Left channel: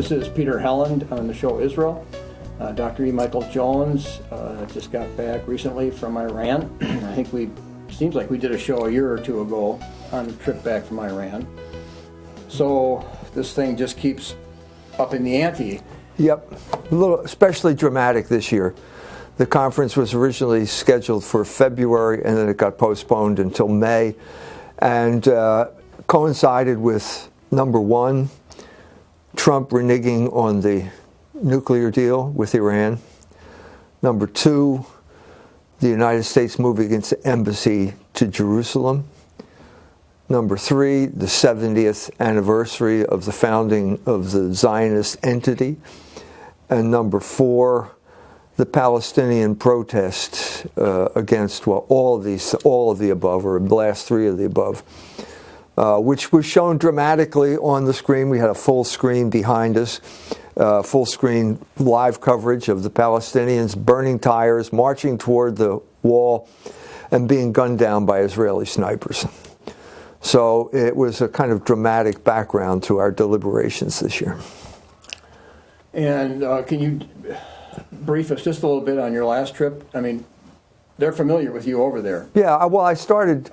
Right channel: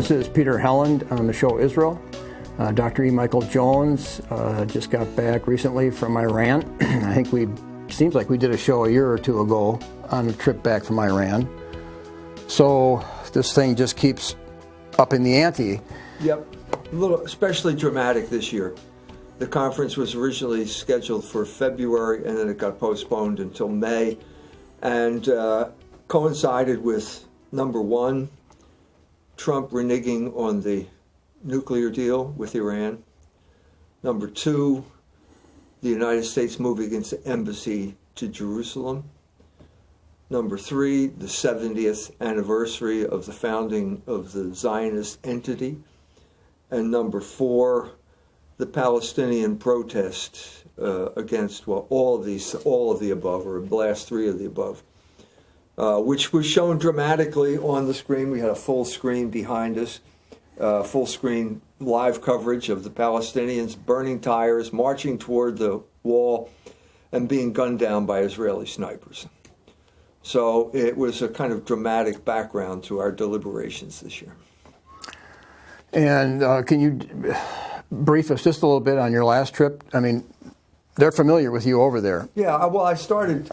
This is Peter Helland on the show Israel. Dr. E. Michael Jones just got back recently from Iran. I think seems like we did a show a year or two ago on a trip back from Iran. So this thing just keeps upping the ante. Yep, a little especially dramatic this year. The conference was originally scheduled for February, and then it got postponed until May, and coincided with, number one, Trump reneging on the nuclear deal with Iran. Number two, the United States moving its embassy to Jerusalem. Number three, the 70th anniversary of the founding of the Zionist entity. And number four, the Palestinian protest against, well, all of the above, or the last three of the above, which was shown dramatically on the screen. We had a full screen behind us, full screen live coverage of the Palestinians burning tires, marching toward the wall, and being gunned down by Israeli snipers. So it was a kind of dramatic background to our deliberations this year. And can you brief us just a little bit on your last trip? I mean, they're familiar with you over there. Yeah, well, I started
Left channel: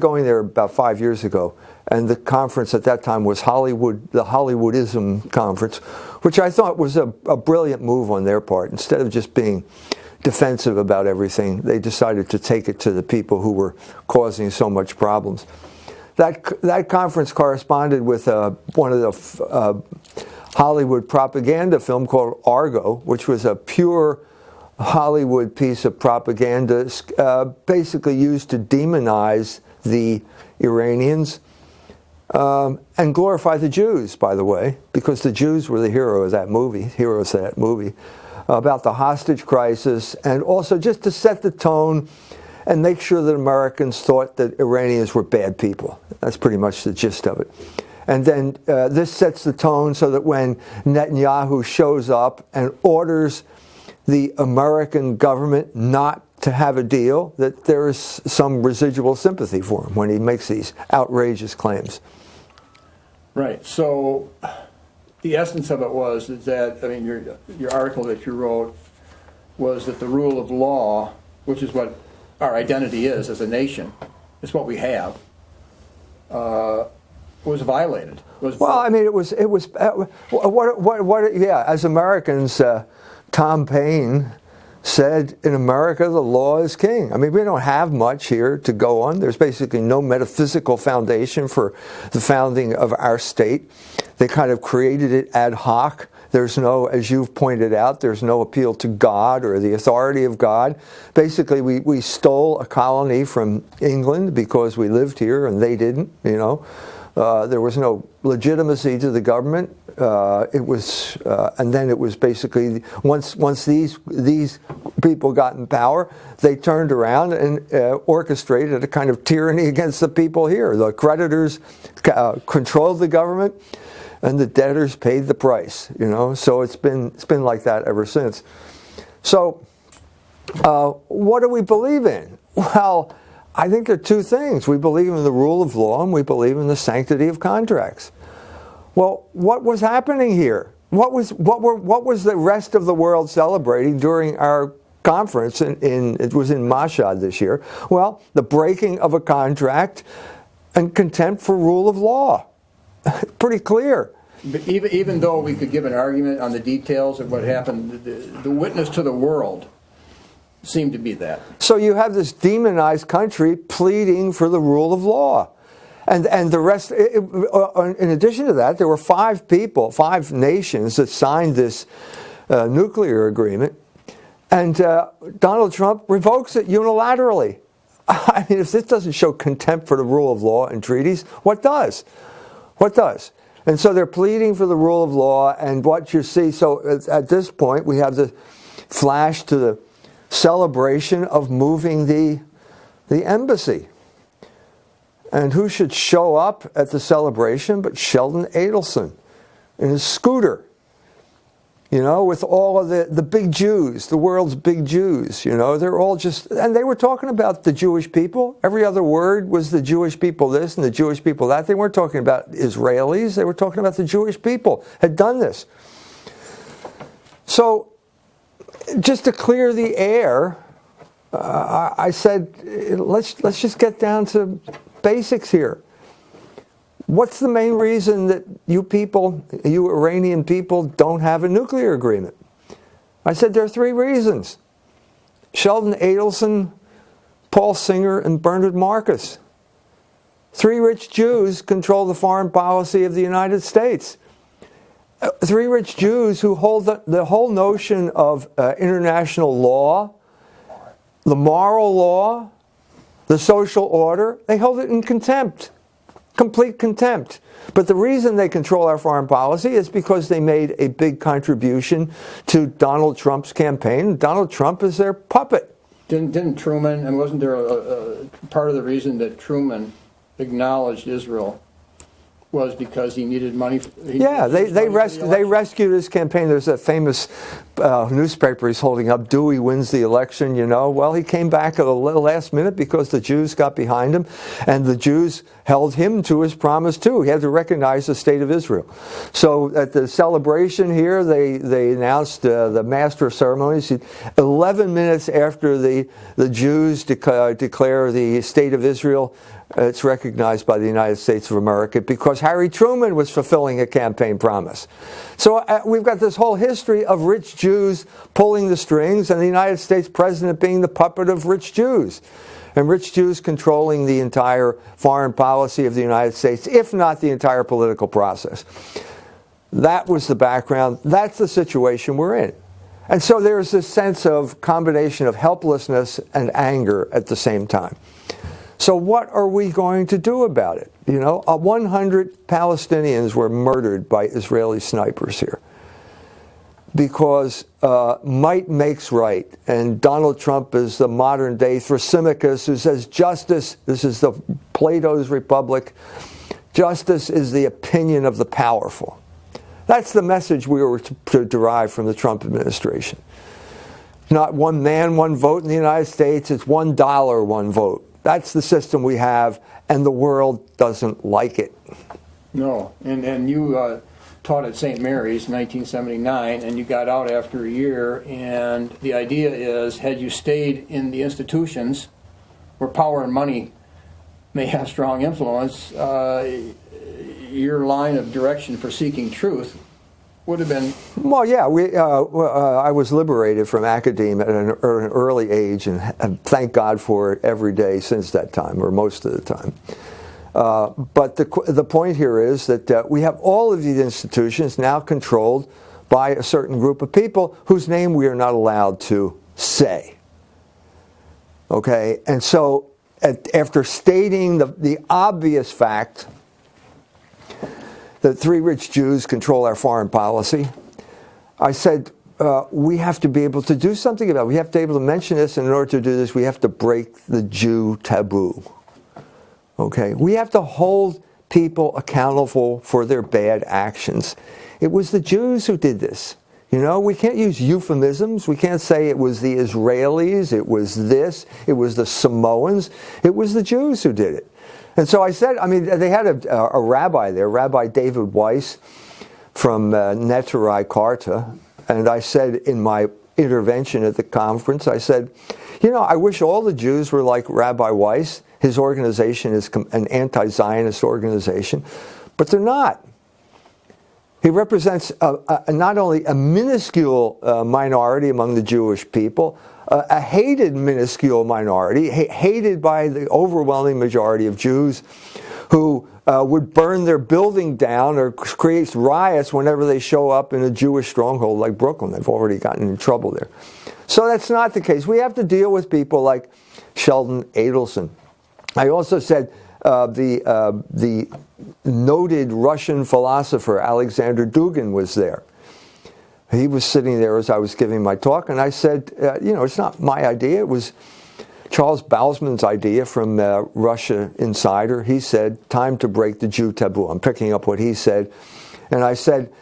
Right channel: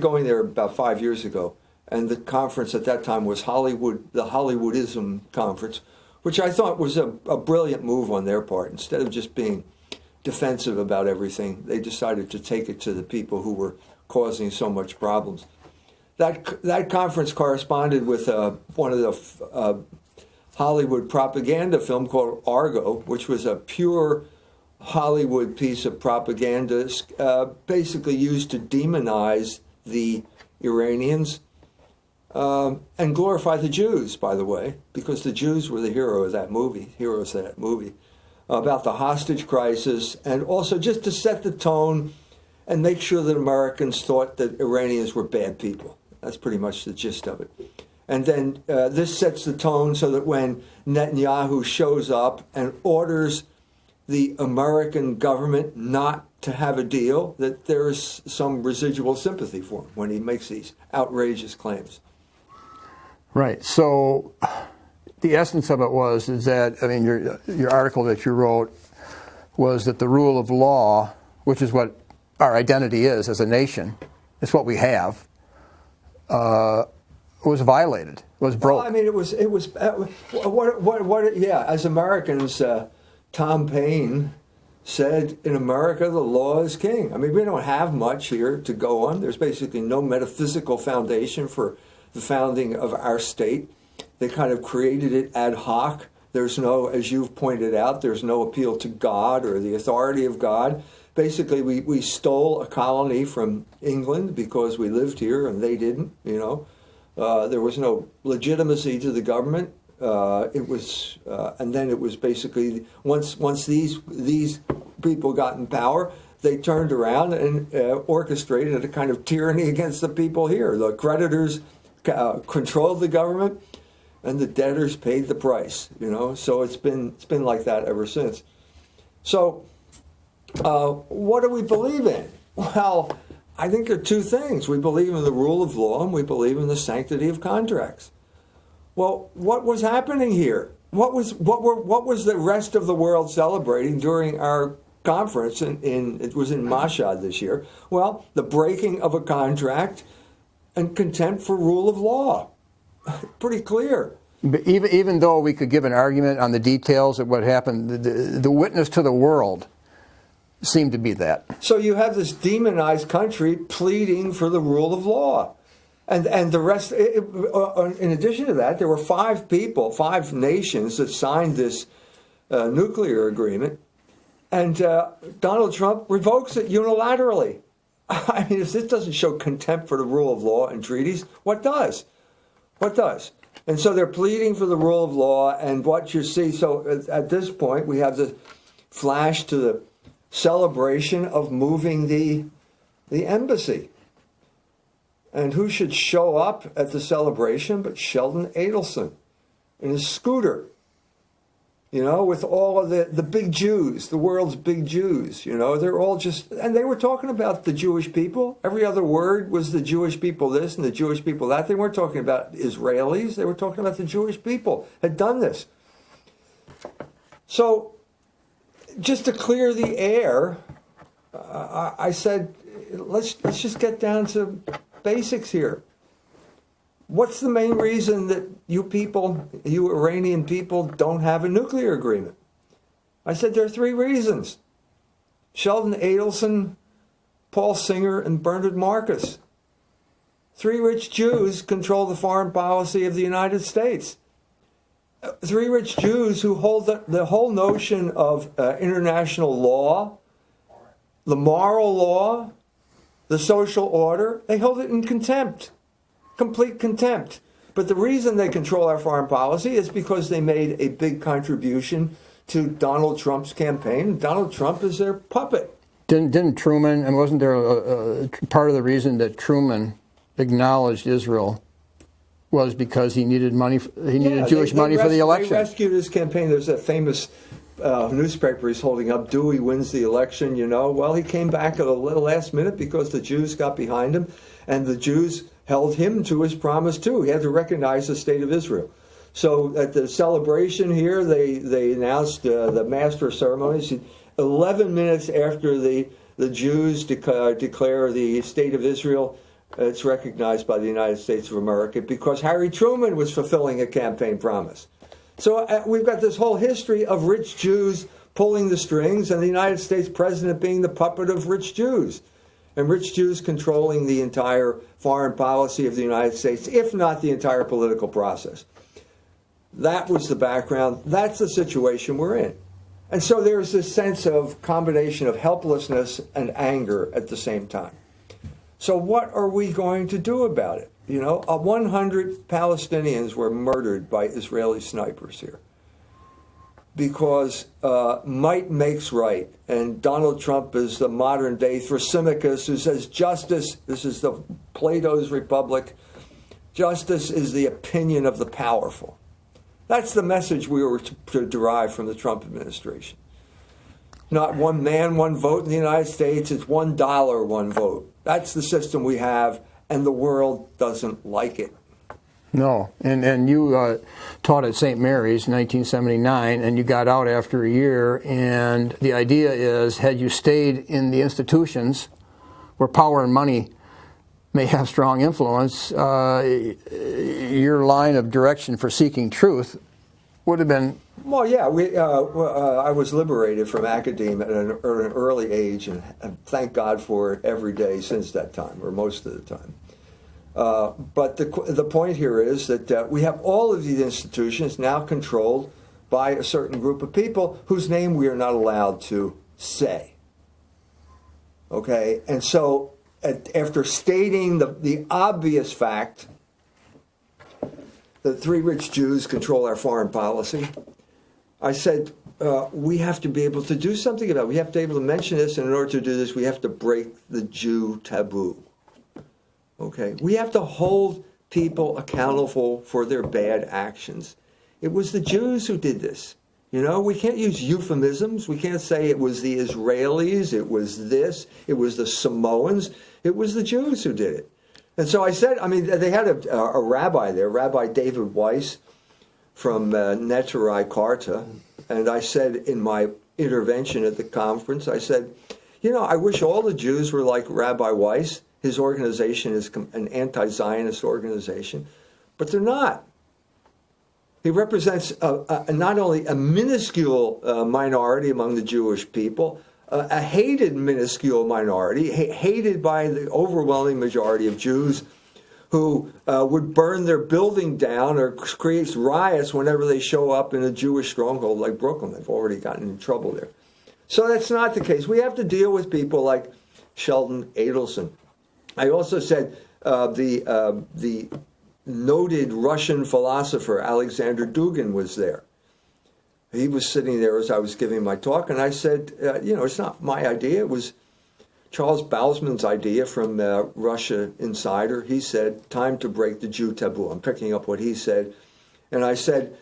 going there about 5 years ago, and the conference at that time was the Hollywoodism conference, which I thought was a brilliant move on their part. Instead of just being defensive about everything, they decided to take it to the people who were causing so much problems. That conference corresponded with one of the Hollywood propaganda film called Argo, which was a pure Hollywood piece of propaganda, basically used to demonize the Iranians and glorify the Jews, by the way, because the Jews were the heroes of that movie, about the hostage crisis, and also just to set the tone and make sure that Americans thought that Iranians were bad people. That's pretty much the gist of it. And then this sets the tone so that when Netanyahu shows up and orders the American government not to have a deal, that there is some residual sympathy for him when he makes these outrageous claims. Right. So the essence of it is that, I mean, your article that you wrote was that the rule of law, which is what our identity is as a nation, it's what we have, was violated. Was broke. Well, I mean, it was. Yeah, as Americans, Tom Paine said, in America, the law is king. I mean, we don't have much here to go on. There's basically no metaphysical foundation for the founding of our state. They kind of created it ad hoc. There's no, as you've pointed out, there's no appeal to God or the authority of God. Basically, we stole a colony from England because we lived here and they didn't, you know. There was no legitimacy to the government. And then it was basically once these people got in power, they turned around and orchestrated a kind of tyranny against the people here. The creditors controlled the government, and the debtors paid the price. You know, so it's been like that ever since. So, what do we believe in? Well, I think there are two things. We believe in the rule of law, and we believe in the sanctity of contracts. Well, what was happening here? What was the rest of the world celebrating during our conference? It was in Mashhad this year. Well, the breaking of a contract and contempt for rule of law. Pretty clear. But even though we could give an argument on the details of what happened, the witness to the world seemed to be that. So you have this demonized country pleading for the rule of law. And the rest, in addition to that, there were five nations that signed this nuclear agreement, and Donald Trump revokes it unilaterally. I mean, if this doesn't show contempt for the rule of law and treaties, what does? What does? And so they're pleading for the rule of law, and what you see, so at this point, we have the flash to the celebration of moving the embassy. And who should show up at the celebration but Sheldon Adelson in his scooter? with all of the big Jews, the world's big Jews, they're all just, and they were talking about the Jewish people. Every other word was the Jewish people this and the Jewish people that. They weren't talking about Israelis. They were talking about the Jewish people had done this. So, just to clear the air, I said, let's just get down to basics here. What's the main reason that you Iranian people, don't have a nuclear agreement? I said there are 3 reasons. Sheldon Adelson, Paul Singer, and Bernard Marcus. 3 rich Jews control the foreign policy of the United States. 3 rich Jews who hold the whole notion of international law, the moral law, the social order, they hold it in contempt. Complete contempt. But the reason they control our foreign policy is because they made a big contribution to Donald Trump's campaign. Donald Trump is their puppet. Didn't Truman, and wasn't there a part of the reason that Truman acknowledged Israel was because he needed money, Jewish money for the election? They rescued his campaign. There's that famous newspaper he's holding up, Dewey wins the election, Well, he came back at the last minute because the Jews got behind him, and the Jews held him to his promise too. He had to recognize the state of Israel. So at the celebration here, they announced the master of ceremonies. 11 minutes after the Jews declare the state of Israel, it's recognized by the United States of America because Harry Truman was fulfilling a campaign promise. So we've got this whole history of rich Jews pulling the strings and the United States president being the puppet of rich Jews. And rich Jews controlling the entire foreign policy of the United States, if not the entire political process. That was the background. That's the situation we're in. And so there's this sense of combination of helplessness and anger at the same time. So what are we going to do about it? 100 Palestinians were murdered by Israeli snipers here because might makes right. And Donald Trump is the modern day Thrasymachus who says justice, this is the Plato's Republic, justice is the opinion of the powerful. That's the message we were to derive from the Trump administration. Not one man, one vote in the United States, it's $1, one vote. That's the system we have, and the world doesn't like it. No, and you taught at St. Mary's in 1979, and you got out after a year, and the idea is, had you stayed in the institutions where power and money may have strong influence, your line of direction for seeking truth would have been... Well, yeah, I was liberated from academia at an early age, and thank God for it every day since that time, or most of the time. But the point here is that we have all of these institutions now controlled by a certain group of people whose name we are not allowed to say. Okay? And so after stating the obvious fact that 3 rich Jews control our foreign policy, I said, we have to be able to do something about it. We have to be able to mention this, and in order to do this, we have to break the Jew taboo. Okay? We have to hold people accountable for their bad actions. It was the Jews who did this. We can't use euphemisms. We can't say it was the Israelis, it was this, it was the Samoans. It was the Jews who did it. And so I said, they had a rabbi there, Rabbi David Weiss from Neturei Karta, and I said in my intervention at the conference, I said, I wish all the Jews were like Rabbi Weiss. His organization is an anti-Zionist organization, but they're not. He represents not only a minuscule minority among the Jewish people, a hated minuscule minority, hated by the overwhelming majority of Jews who would burn their building down or create riots whenever they show up in a Jewish stronghold like Brooklyn. They've already gotten in trouble there. So that's not the case. We have to deal with people like Sheldon Adelson. I also said the noted Russian philosopher Alexander Dugin was there. He was sitting there as I was giving my talk, and I said, it's not my idea. It was Charles Bausman's idea from Russia Insider. He said, time to break the Jew taboo. I'm picking up what he said. And I said,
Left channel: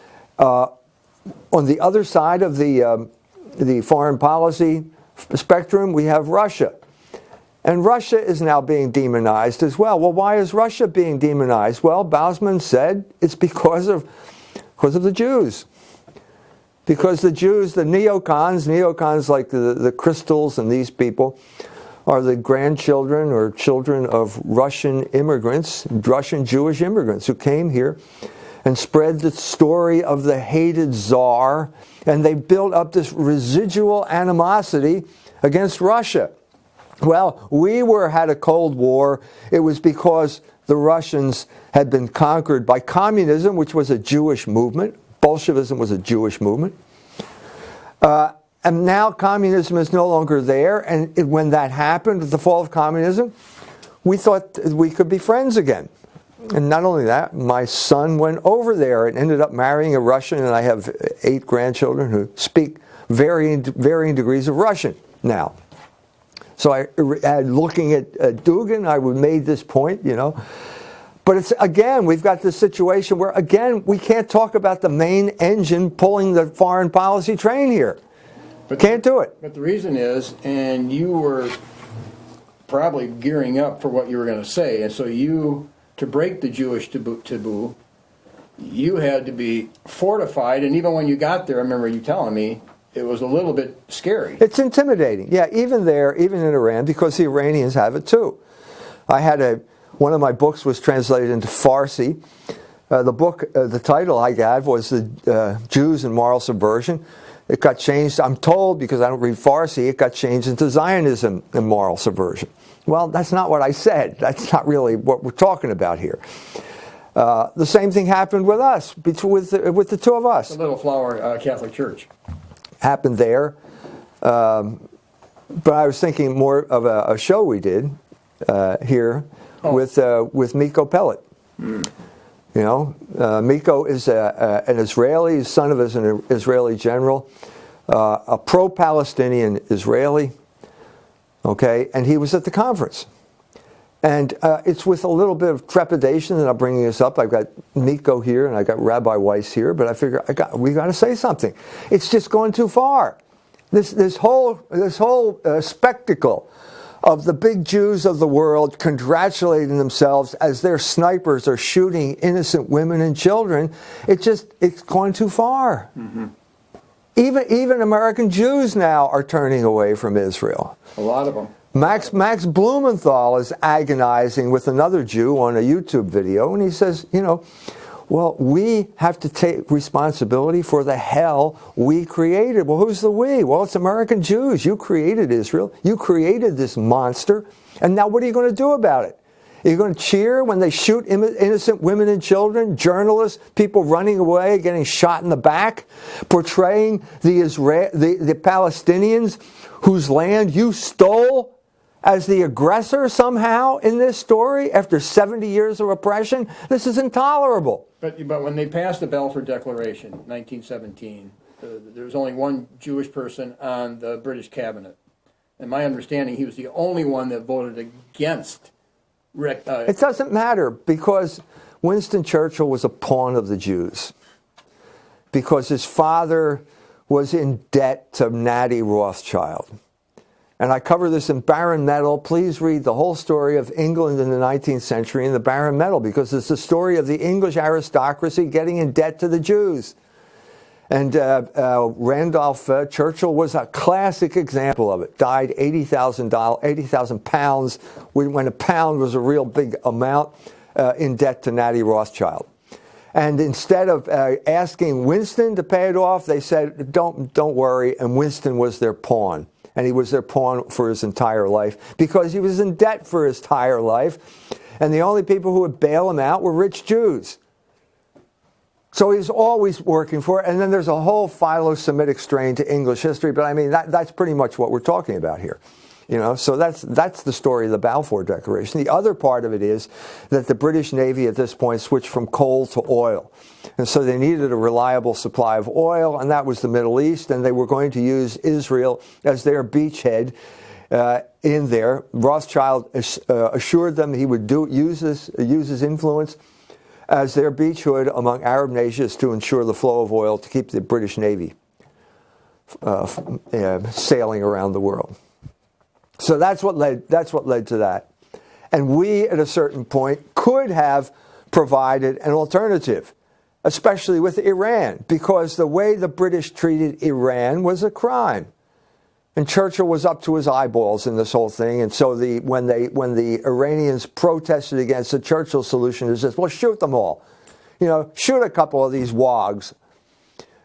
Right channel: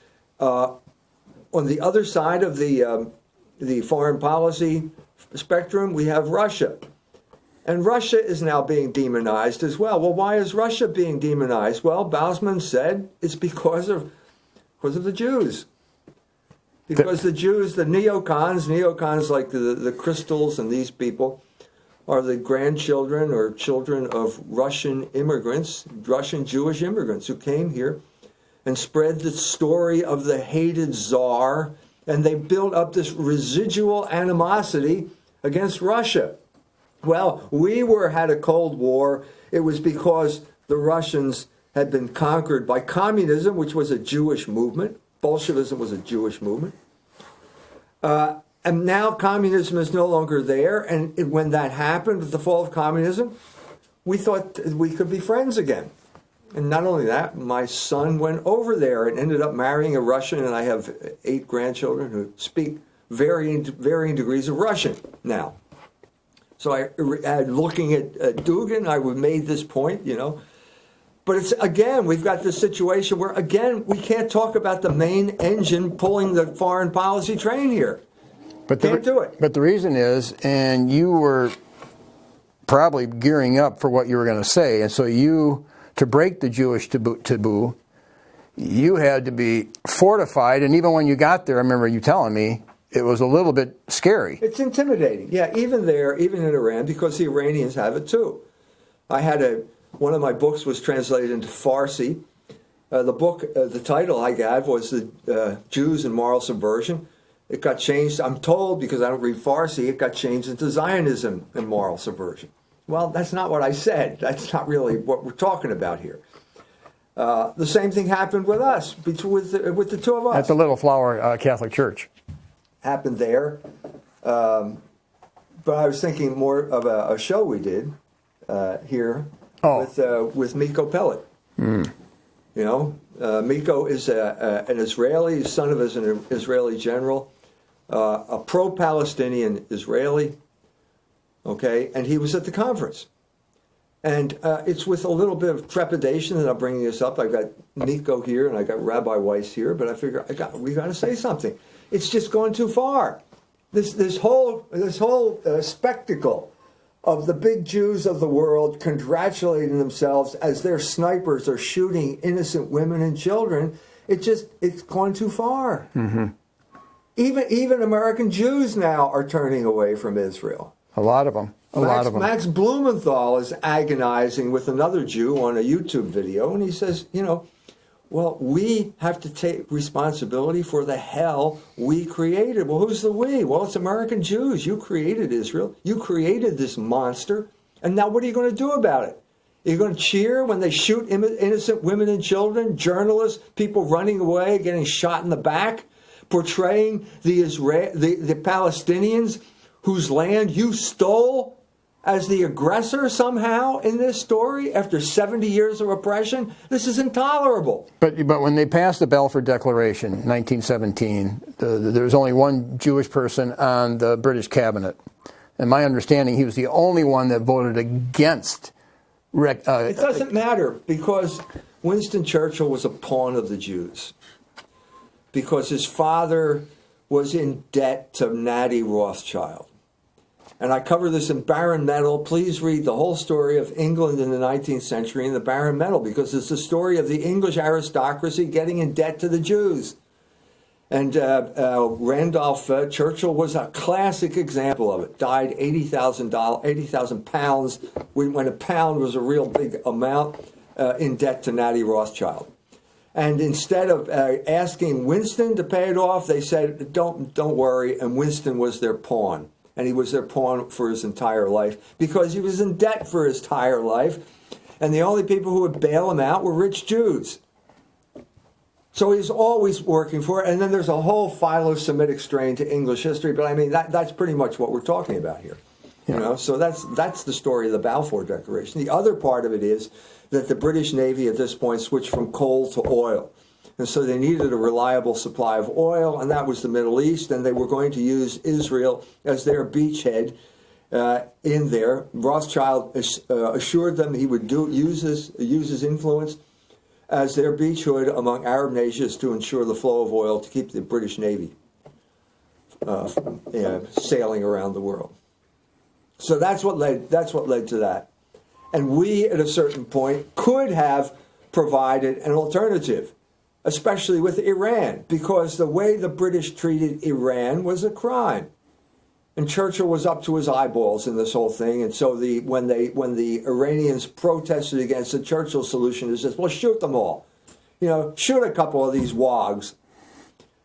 on the other side of the foreign policy spectrum, we have Russia. And Russia is now being demonized as well. Well, why is Russia being demonized? Well, Bausman said it's because of the Jews. Because the Jews, the neocons like the Crystals and these people, are the grandchildren or children of Russian immigrants, Russian Jewish immigrants who came here and spread the story of the hated Tsar, and they built up this residual animosity against Russia. Well, we had a Cold War. It was because the Russians had been conquered by communism, which was a Jewish movement. Bolshevism was a Jewish movement. And now communism is no longer there. And when that happened, with the fall of communism, we thought we could be friends again. And not only that, my son went over there and ended up marrying a Russian, and I have 8 grandchildren who speak varying degrees of Russian now. So looking at Dugin, I made this point, But it's, again, we've got this situation where, again, we can't talk about the main engine pulling the foreign policy train here. But can't do it. But the reason is, and you were probably gearing up for what you were going to say, and so to break the Jewish taboo, you had to be fortified, and even when you got there, I remember you telling me, it was a little bit scary. It's intimidating. Yeah, even there, even in Iran, because the Iranians have it too. One of my books was translated into Farsi. The title I gave was The Jews and Moral Subversion. It got changed, I'm told, because I don't read Farsi, it got changed into Zionism and Moral Subversion. Well, that's not what I said. That's not really what we're talking about here. The same thing happened with us, with the two of us. At the Little Flower Catholic Church. Happened there. But I was thinking more of a show we did here with Miko Pellet. Mm. Miko is an Israeli, son of an Israeli general, a pro-Palestinian Israeli, okay, and he was at the conference. And it's with a little bit of trepidation that I'm bringing this up. I've got Miko here and I got Rabbi Weiss here, but I figure we got to say something. It's just going too far. This whole spectacle of the big Jews of the world congratulating themselves as their snipers are shooting innocent women and children, it's going too far. Mm-hmm. Even American Jews now are turning away from Israel. A lot of them. Max Blumenthal is agonizing with another Jew on a YouTube video, and he says, well, we have to take responsibility for the hell we created. Well, who's the we? Well, it's American Jews. You created Israel. You created this monster. And now what are you going to do about it? Are you going to cheer when they shoot innocent women and children, journalists, people running away, getting shot in the back, portraying the Palestinians whose land you stole as the aggressor somehow in this story after 70 years of oppression? This is intolerable. But when they passed the Balfour Declaration in 1917, there was only one Jewish person on the British cabinet. And my understanding, he was the only one that voted against. It doesn't matter, because Winston Churchill was a pawn of the Jews. Because his father was in debt to Natty Rothschild. And I cover this in Baron Metal. Please read the whole story of England in the 19th century in the Baron Metal, because it's the story of the English aristocracy getting in debt to the Jews. And Randolph Churchill was a classic example of it. Died £80,000 when a pound was a real big amount, in debt to Natty Rothschild. And instead of asking Winston to pay it off, they said, don't worry, and Winston was their pawn. And he was their pawn for his entire life because he was in debt for his entire life. And the only people who would bail him out were rich Jews. So he's always working for it. And then there's a whole philo-Semitic strain to English history. But I mean, that's pretty much what we're talking about here. So that's the story of the Balfour Declaration. The other part of it is that the British Navy at this point switched from coal to oil. And so they needed a reliable supply of oil, and that was the Middle East, and they were going to use Israel as their beachhead in there. Rothschild assured them he would use his influence. as their beachhead among Arab nations to ensure the flow of oil to keep the British Navy sailing around the world. So that's what led to that. And we, at a certain point, could have provided an alternative, especially with Iran, because the way the British treated Iran was a crime. And Churchill was up to his eyeballs in this whole thing. And so when the Iranians protested against the Churchill solution, it says, well, shoot them all. Shoot a couple of these wogs,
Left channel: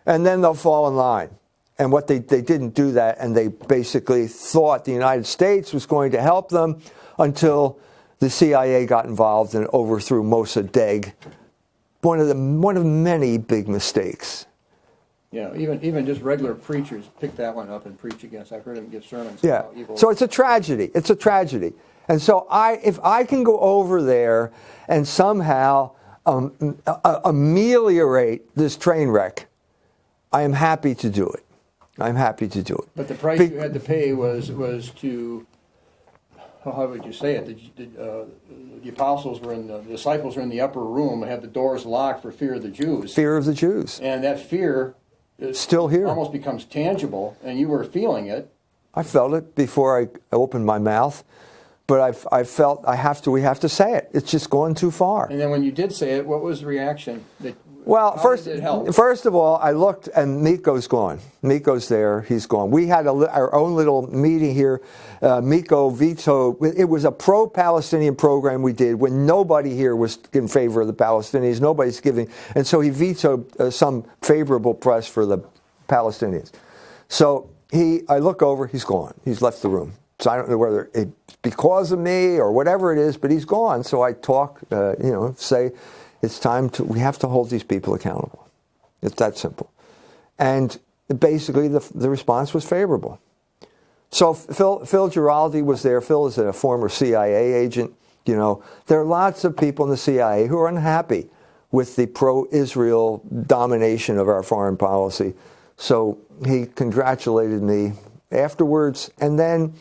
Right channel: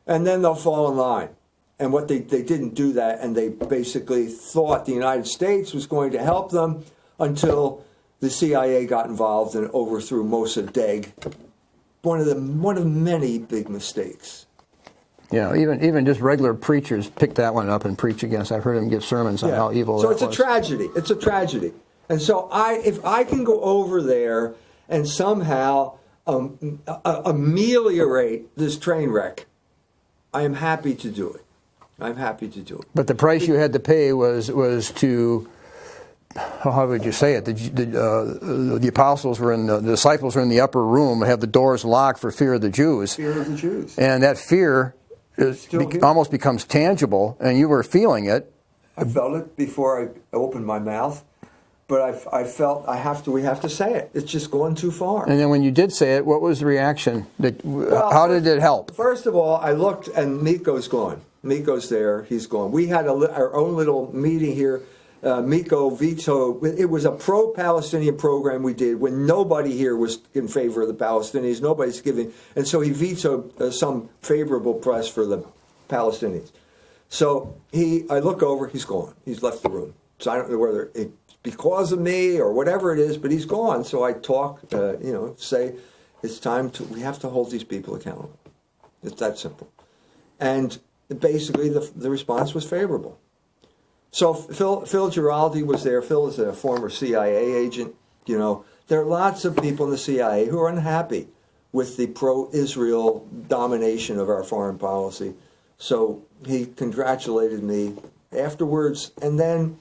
and then they'll fall in line. And what they didn't do that, and they basically thought the United States was going to help them until the CIA got involved and overthrew Mossadegh. One of many big mistakes. Yeah, even just regular preachers pick that one up and preach against. I've heard them give sermons on how evil. So it's a tragedy. It's a tragedy. And so if I can go over there and somehow ameliorate this train wreck, I am happy to do it. I'm happy to do it. But the price you had to pay was to, how would you say it? The apostles were the disciples were in the upper room and had the doors locked for fear of the Jews. Fear of the Jews. And that fear is still almost becomes tangible, and you were feeling it. I felt it before I opened my mouth, but I felt we have to say it. It's just gone too far. And then when you did say it, what was the reaction? How did it help? First of all, I looked, and Miko's gone. Miko's there. He's gone. We had our own little meeting here. Miko vetoed. It was a pro-Palestinian program we did when nobody here was in favor of the Palestinians. Nobody's giving. And so he vetoed some favorable press for the Palestinians. So I look over, he's gone. He's left the room. So I don't know whether it's because of me or whatever it is, but he's gone. So I talk, say it's time we have to hold these people accountable. It's that simple. And basically the response was favorable. So Phil Giraldi was there. Phil is a former CIA agent. There are lots of people in the CIA who are unhappy with the pro-Israel domination of our foreign policy. So he congratulated me afterwards, and then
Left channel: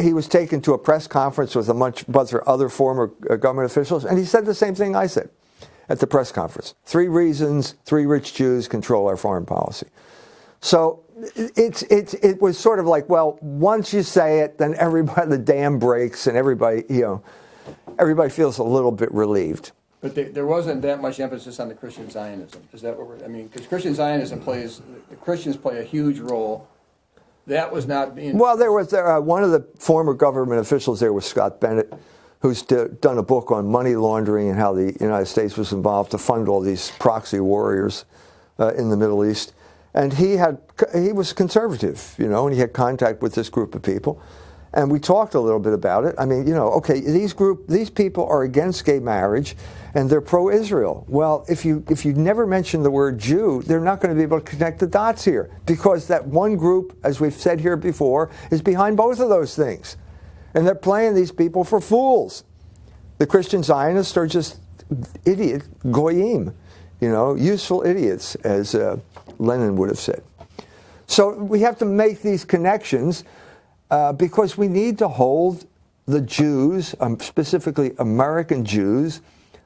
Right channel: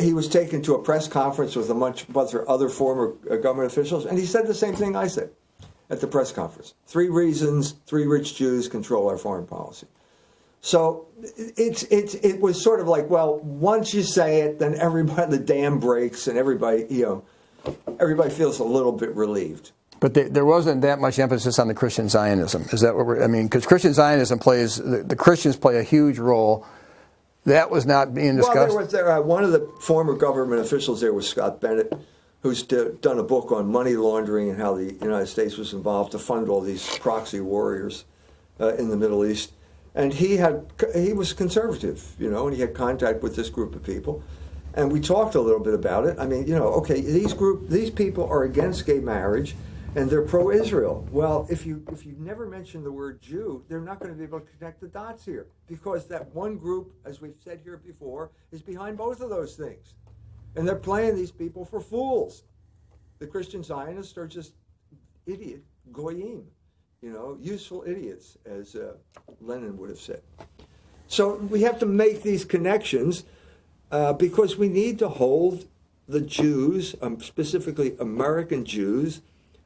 he was taken to a press conference with a bunch of other former government officials, and he said the same thing I said at the press conference. 3 reasons 3 rich Jews control our foreign policy. So it was sort of like, well, once you say it, then the dam breaks, and everybody feels a little bit relieved. But there wasn't that much emphasis on the Christian Zionism. Is that what because Christian Zionism the Christians play a huge role. That was not being discussed. Well, there was one of the former government officials there was Scott Bennett, who's done a book on money laundering and how the United States was involved to fund all these proxy warriors in the Middle East. And he was conservative, and he had contact with this group of people. And we talked a little bit about it. These people are against gay marriage, and they're pro-Israel. Well, if you never mention the word Jew, they're not going to be able to connect the dots here, because that one group, as we've said here before, is behind both of those things. And they're playing these people for fools. The Christian Zionists are just idiot goyim, useful idiots, as Lenin would have said. So we have to make these connections because we need to hold the Jews, specifically American Jews,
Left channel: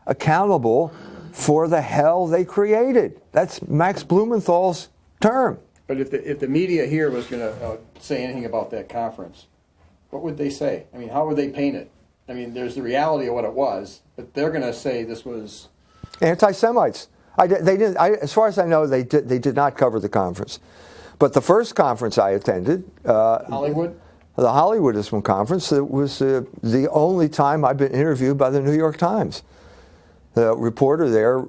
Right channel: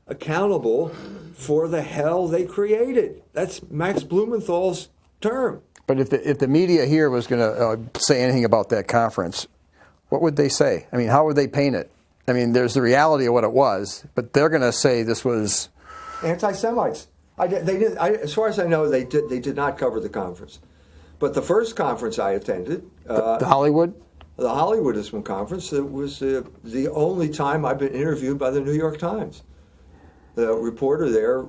accountable for the hell they created. That's Max Blumenthal's term. But if the media here was going to say anything about that conference, what would they say? How would they paint it? There's the reality of what it was, but they're going to say this was anti-Semites. As far as I know, they did not cover the conference. But the first conference I attended, the Hollywood Hollywoodism conference, it was the only time I've been interviewed by the New York Times. The reporter there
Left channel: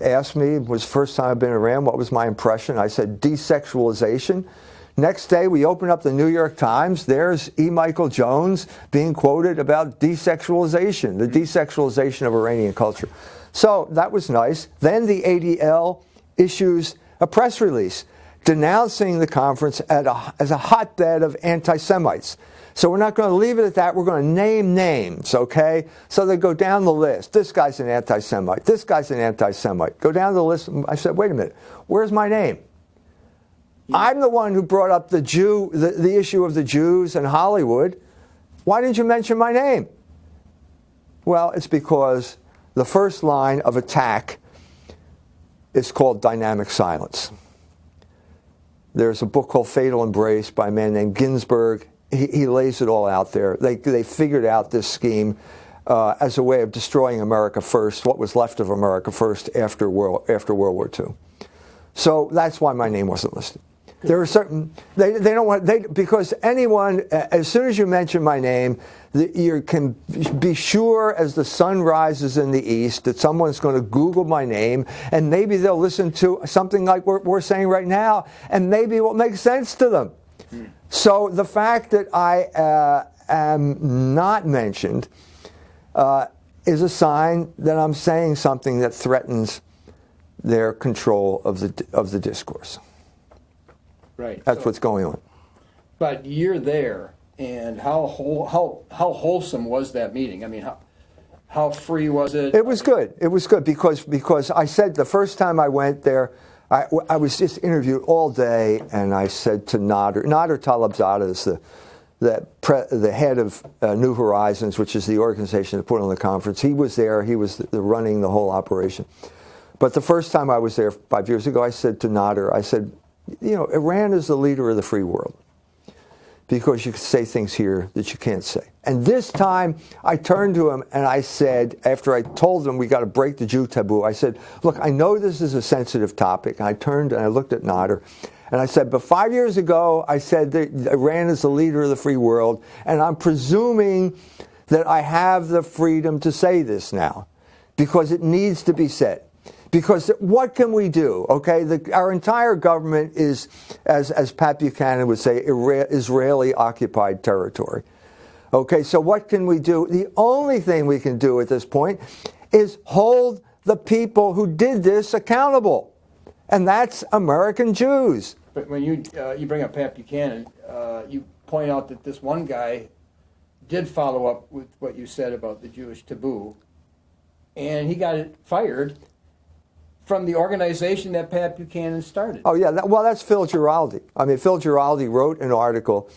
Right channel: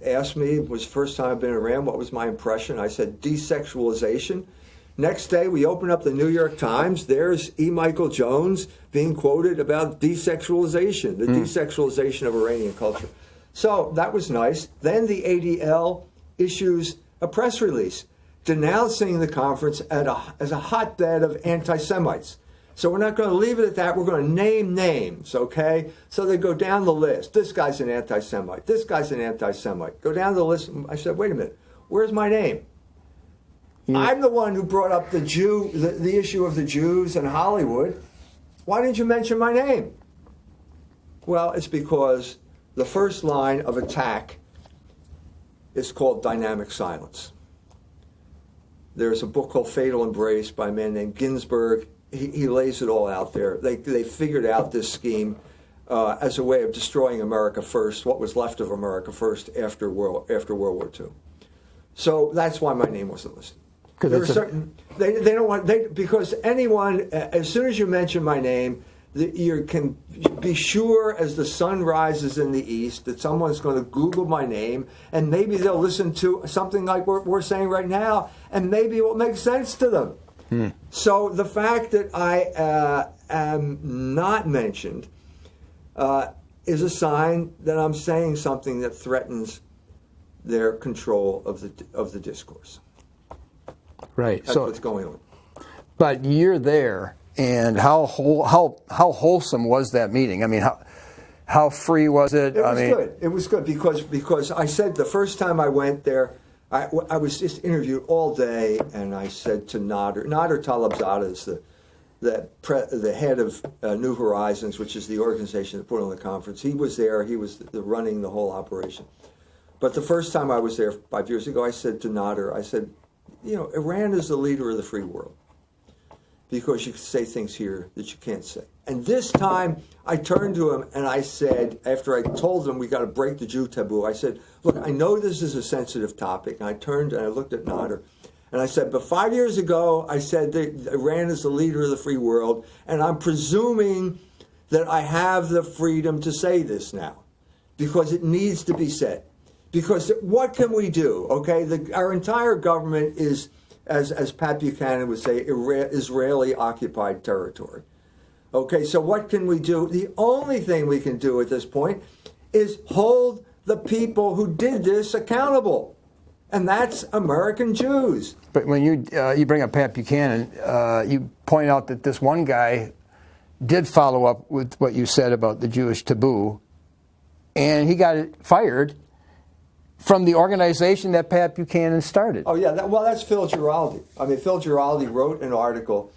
asked me, it was the first time I've been around, what was my impression? I said, desexualization. Next day, we open up the New York Times. There's E. Michael Jones being quoted about desexualization, the desexualization of Iranian culture. So that was nice. Then the ADL issues a press release denouncing the conference as a hotbed of anti-Semites. So we're not going to leave it at that. We're going to name names, okay? So they go down the list. This guy's an anti-Semite. This guy's an anti-Semite. Go down the list. I said, wait a minute. Where's my name? Yeah. I'm the one who brought up the issue of the Jews in Hollywood. Why didn't you mention my name? Well, it's because the first line of attack is called dynamic silence. There's a book called Fatal Embrace by a man named Ginsberg. He lays it all out there. They figured out this scheme as a way of destroying America first, what was left of America first after World War II. So that's why my name wasn't listed. There are certain they don't want because anyone as soon as you mention my name, you can be sure as the sun rises in the east that someone's going to Google my name, and maybe they'll listen to something like we're saying right now, and maybe it will make sense to them. So the fact that I am not mentioned is a sign that I'm saying something that threatens their control of the discourse. Right. That's what's going on. But you're there, and how wholesome was that meeting? I mean, how free was it? It was good. It was good because I said the first time I went there, I was just interviewed all day, and I said to Nader Talabzada is the head of New Horizons, which is the organization that put on the conference. He was there. He was running the whole operation. But the first time I was there 5 years ago, I said to Nader, I said, Iran is the leader of the free world because you can say things here that you can't say. And this time, I turned to him and I said, after I told him we got to break the Jew taboo, I said, look, I know this is a sensitive topic. And I turned and I looked at Nader and I said, but 5 years ago, I said that Iran is the leader of the free world, and I'm presuming that I have the freedom to say this now because it needs to be said. Because what can we do? Okay, our entire government is, as Pat Buchanan would say, Israeli-occupied territory. Okay, so what can we do? The only thing we can do at this point is hold the people who did this accountable, and that's American Jews. But when you bring up Pat Buchanan, you point out that this one guy did follow up with what you said about the Jewish taboo, and he got fired from the organization that Pat Buchanan started. Oh, yeah. That's Phil Giraldi. I mean, Phil Giraldi wrote an article.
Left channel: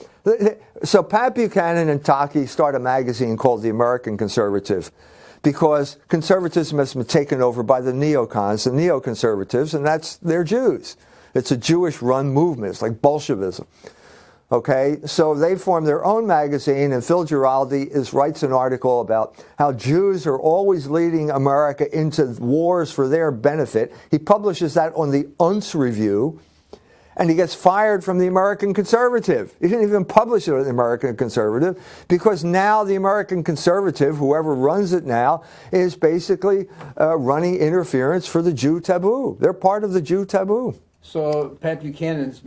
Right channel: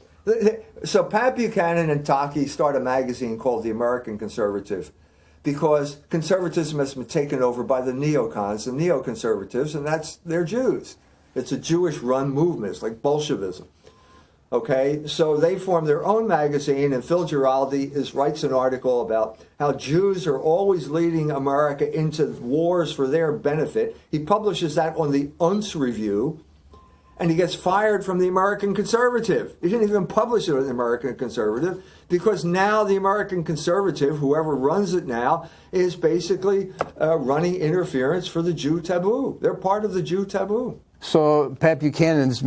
So Pat Buchanan and Taki start a magazine called The American Conservative because conservatism has been taken over by the neocons, the neoconservatives, and they're Jews. It's a Jewish-run movement. It's like Bolshevism. Okay, so they form their own magazine, and Phil Giraldi writes an article about how Jews are always leading America into wars for their benefit. He publishes that on the UNS Review, and he gets fired from the American Conservative. He didn't even publish it on the American Conservative because now the American Conservative, whoever runs it now, is basically running interference for the Jew taboo. They're part of the Jew taboo. So Pat Buchanan's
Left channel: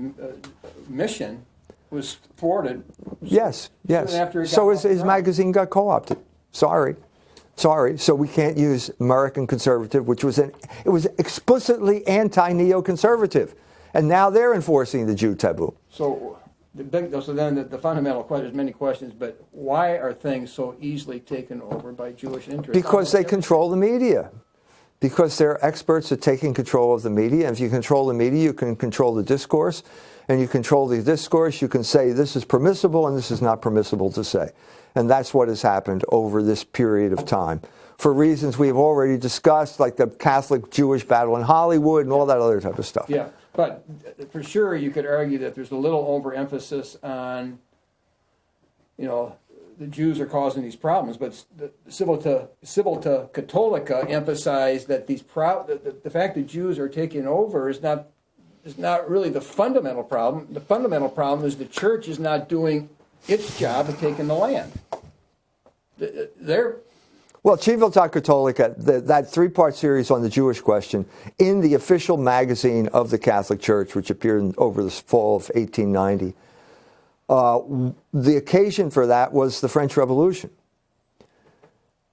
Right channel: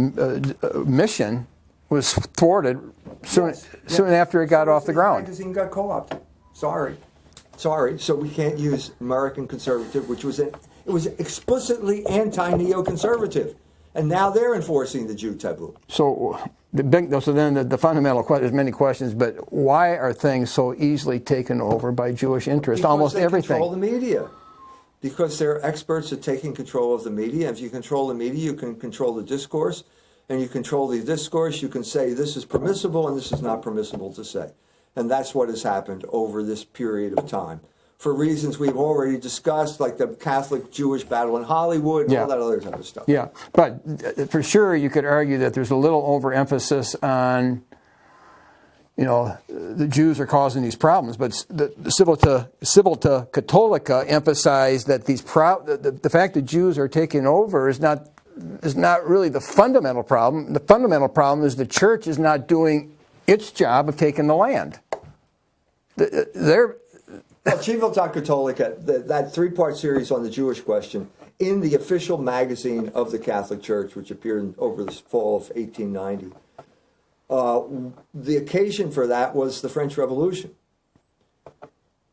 mission was thwarted soon after it got off the ground. His magazine got co-opted. Sorry. So we can't use American Conservative, which was it was explicitly anti-neoconservative, and now they're enforcing the Jew taboo. So then the fundamental question, there's many questions, but why are things so easily taken over by Jewish interests? Because they control the media. Because they're experts at taking control of the media. And if you control the media, you can control the discourse. And you control the discourse, you can say this is permissible and this is not permissible to say. And that's what has happened over this period of time. For reasons we've already discussed, like the Catholic-Jewish battle in Hollywood and all that other type of stuff. Yeah, but for sure you could argue that there's a little overemphasis on, the Jews are causing these problems, but the Civil to Catholica emphasize that the fact that Jews are taking over is not really the fundamental problem. The fundamental problem is the church is not doing its job of taking the land. Civiltà Cattolica, that three-part series on the Jewish question, in the official magazine of the Catholic Church, which appeared over the fall of 1890, the occasion for that was the French Revolution.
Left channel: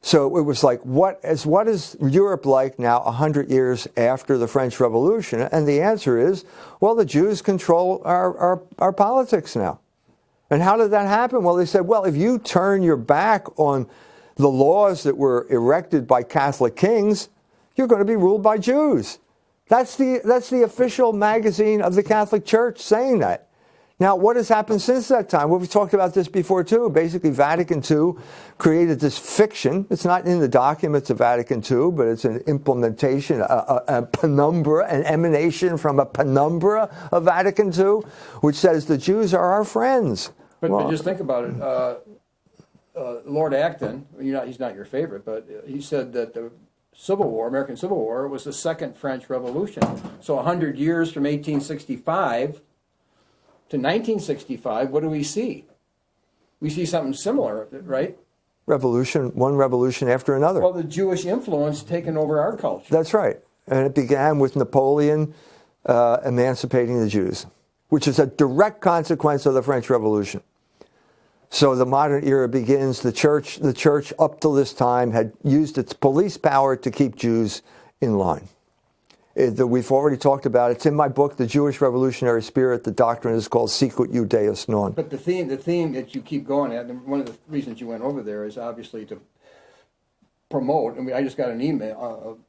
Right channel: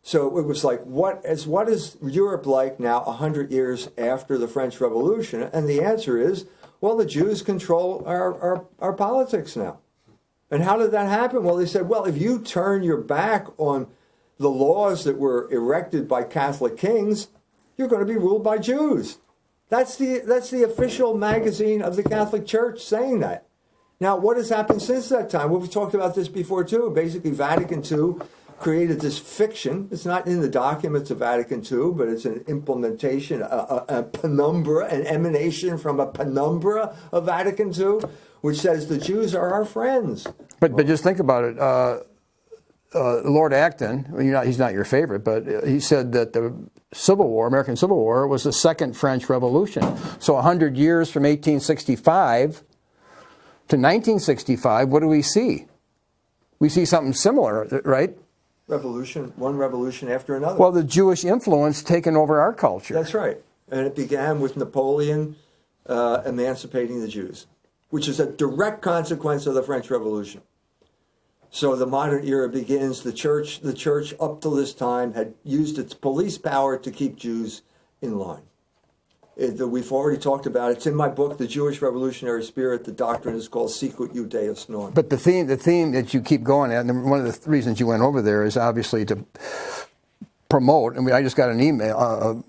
So it was like, what is Europe like now 100 years after the French Revolution? And the answer is, well, the Jews control our politics now. And how did that happen? Well, they said, well, if you turn your back on the laws that were erected by Catholic kings, you're going to be ruled by Jews. That's the official magazine of the Catholic Church saying that. Now, what has happened since that time? Well, we've talked about this before, too. Basically, Vatican II created this fiction. It's not in the documents of Vatican II, but it's an implementation, a penumbra, an emanation from a penumbra of Vatican II, which says the Jews are our friends. But just think about it. Lord Acton, he's not your favorite, but he said that the Civil War, American Civil War, was the second French Revolution. So 100 years from 1865 to 1965, what do we see? We see something similar, right? One revolution after another. Well, the Jewish influence taking over our culture. That's right. And it began with Napoleon emancipating the Jews, which is a direct consequence of the French Revolution. So the modern era begins. The church up till this time had used its police power to keep Jews in line. We've already talked about it. It's in my book, The Jewish Revolutionary Spirit. The doctrine is called Sicut Judaeus Non. But the theme that you keep going at, and one of the reasons you went over there is obviously to promote. I mean, I just got an email,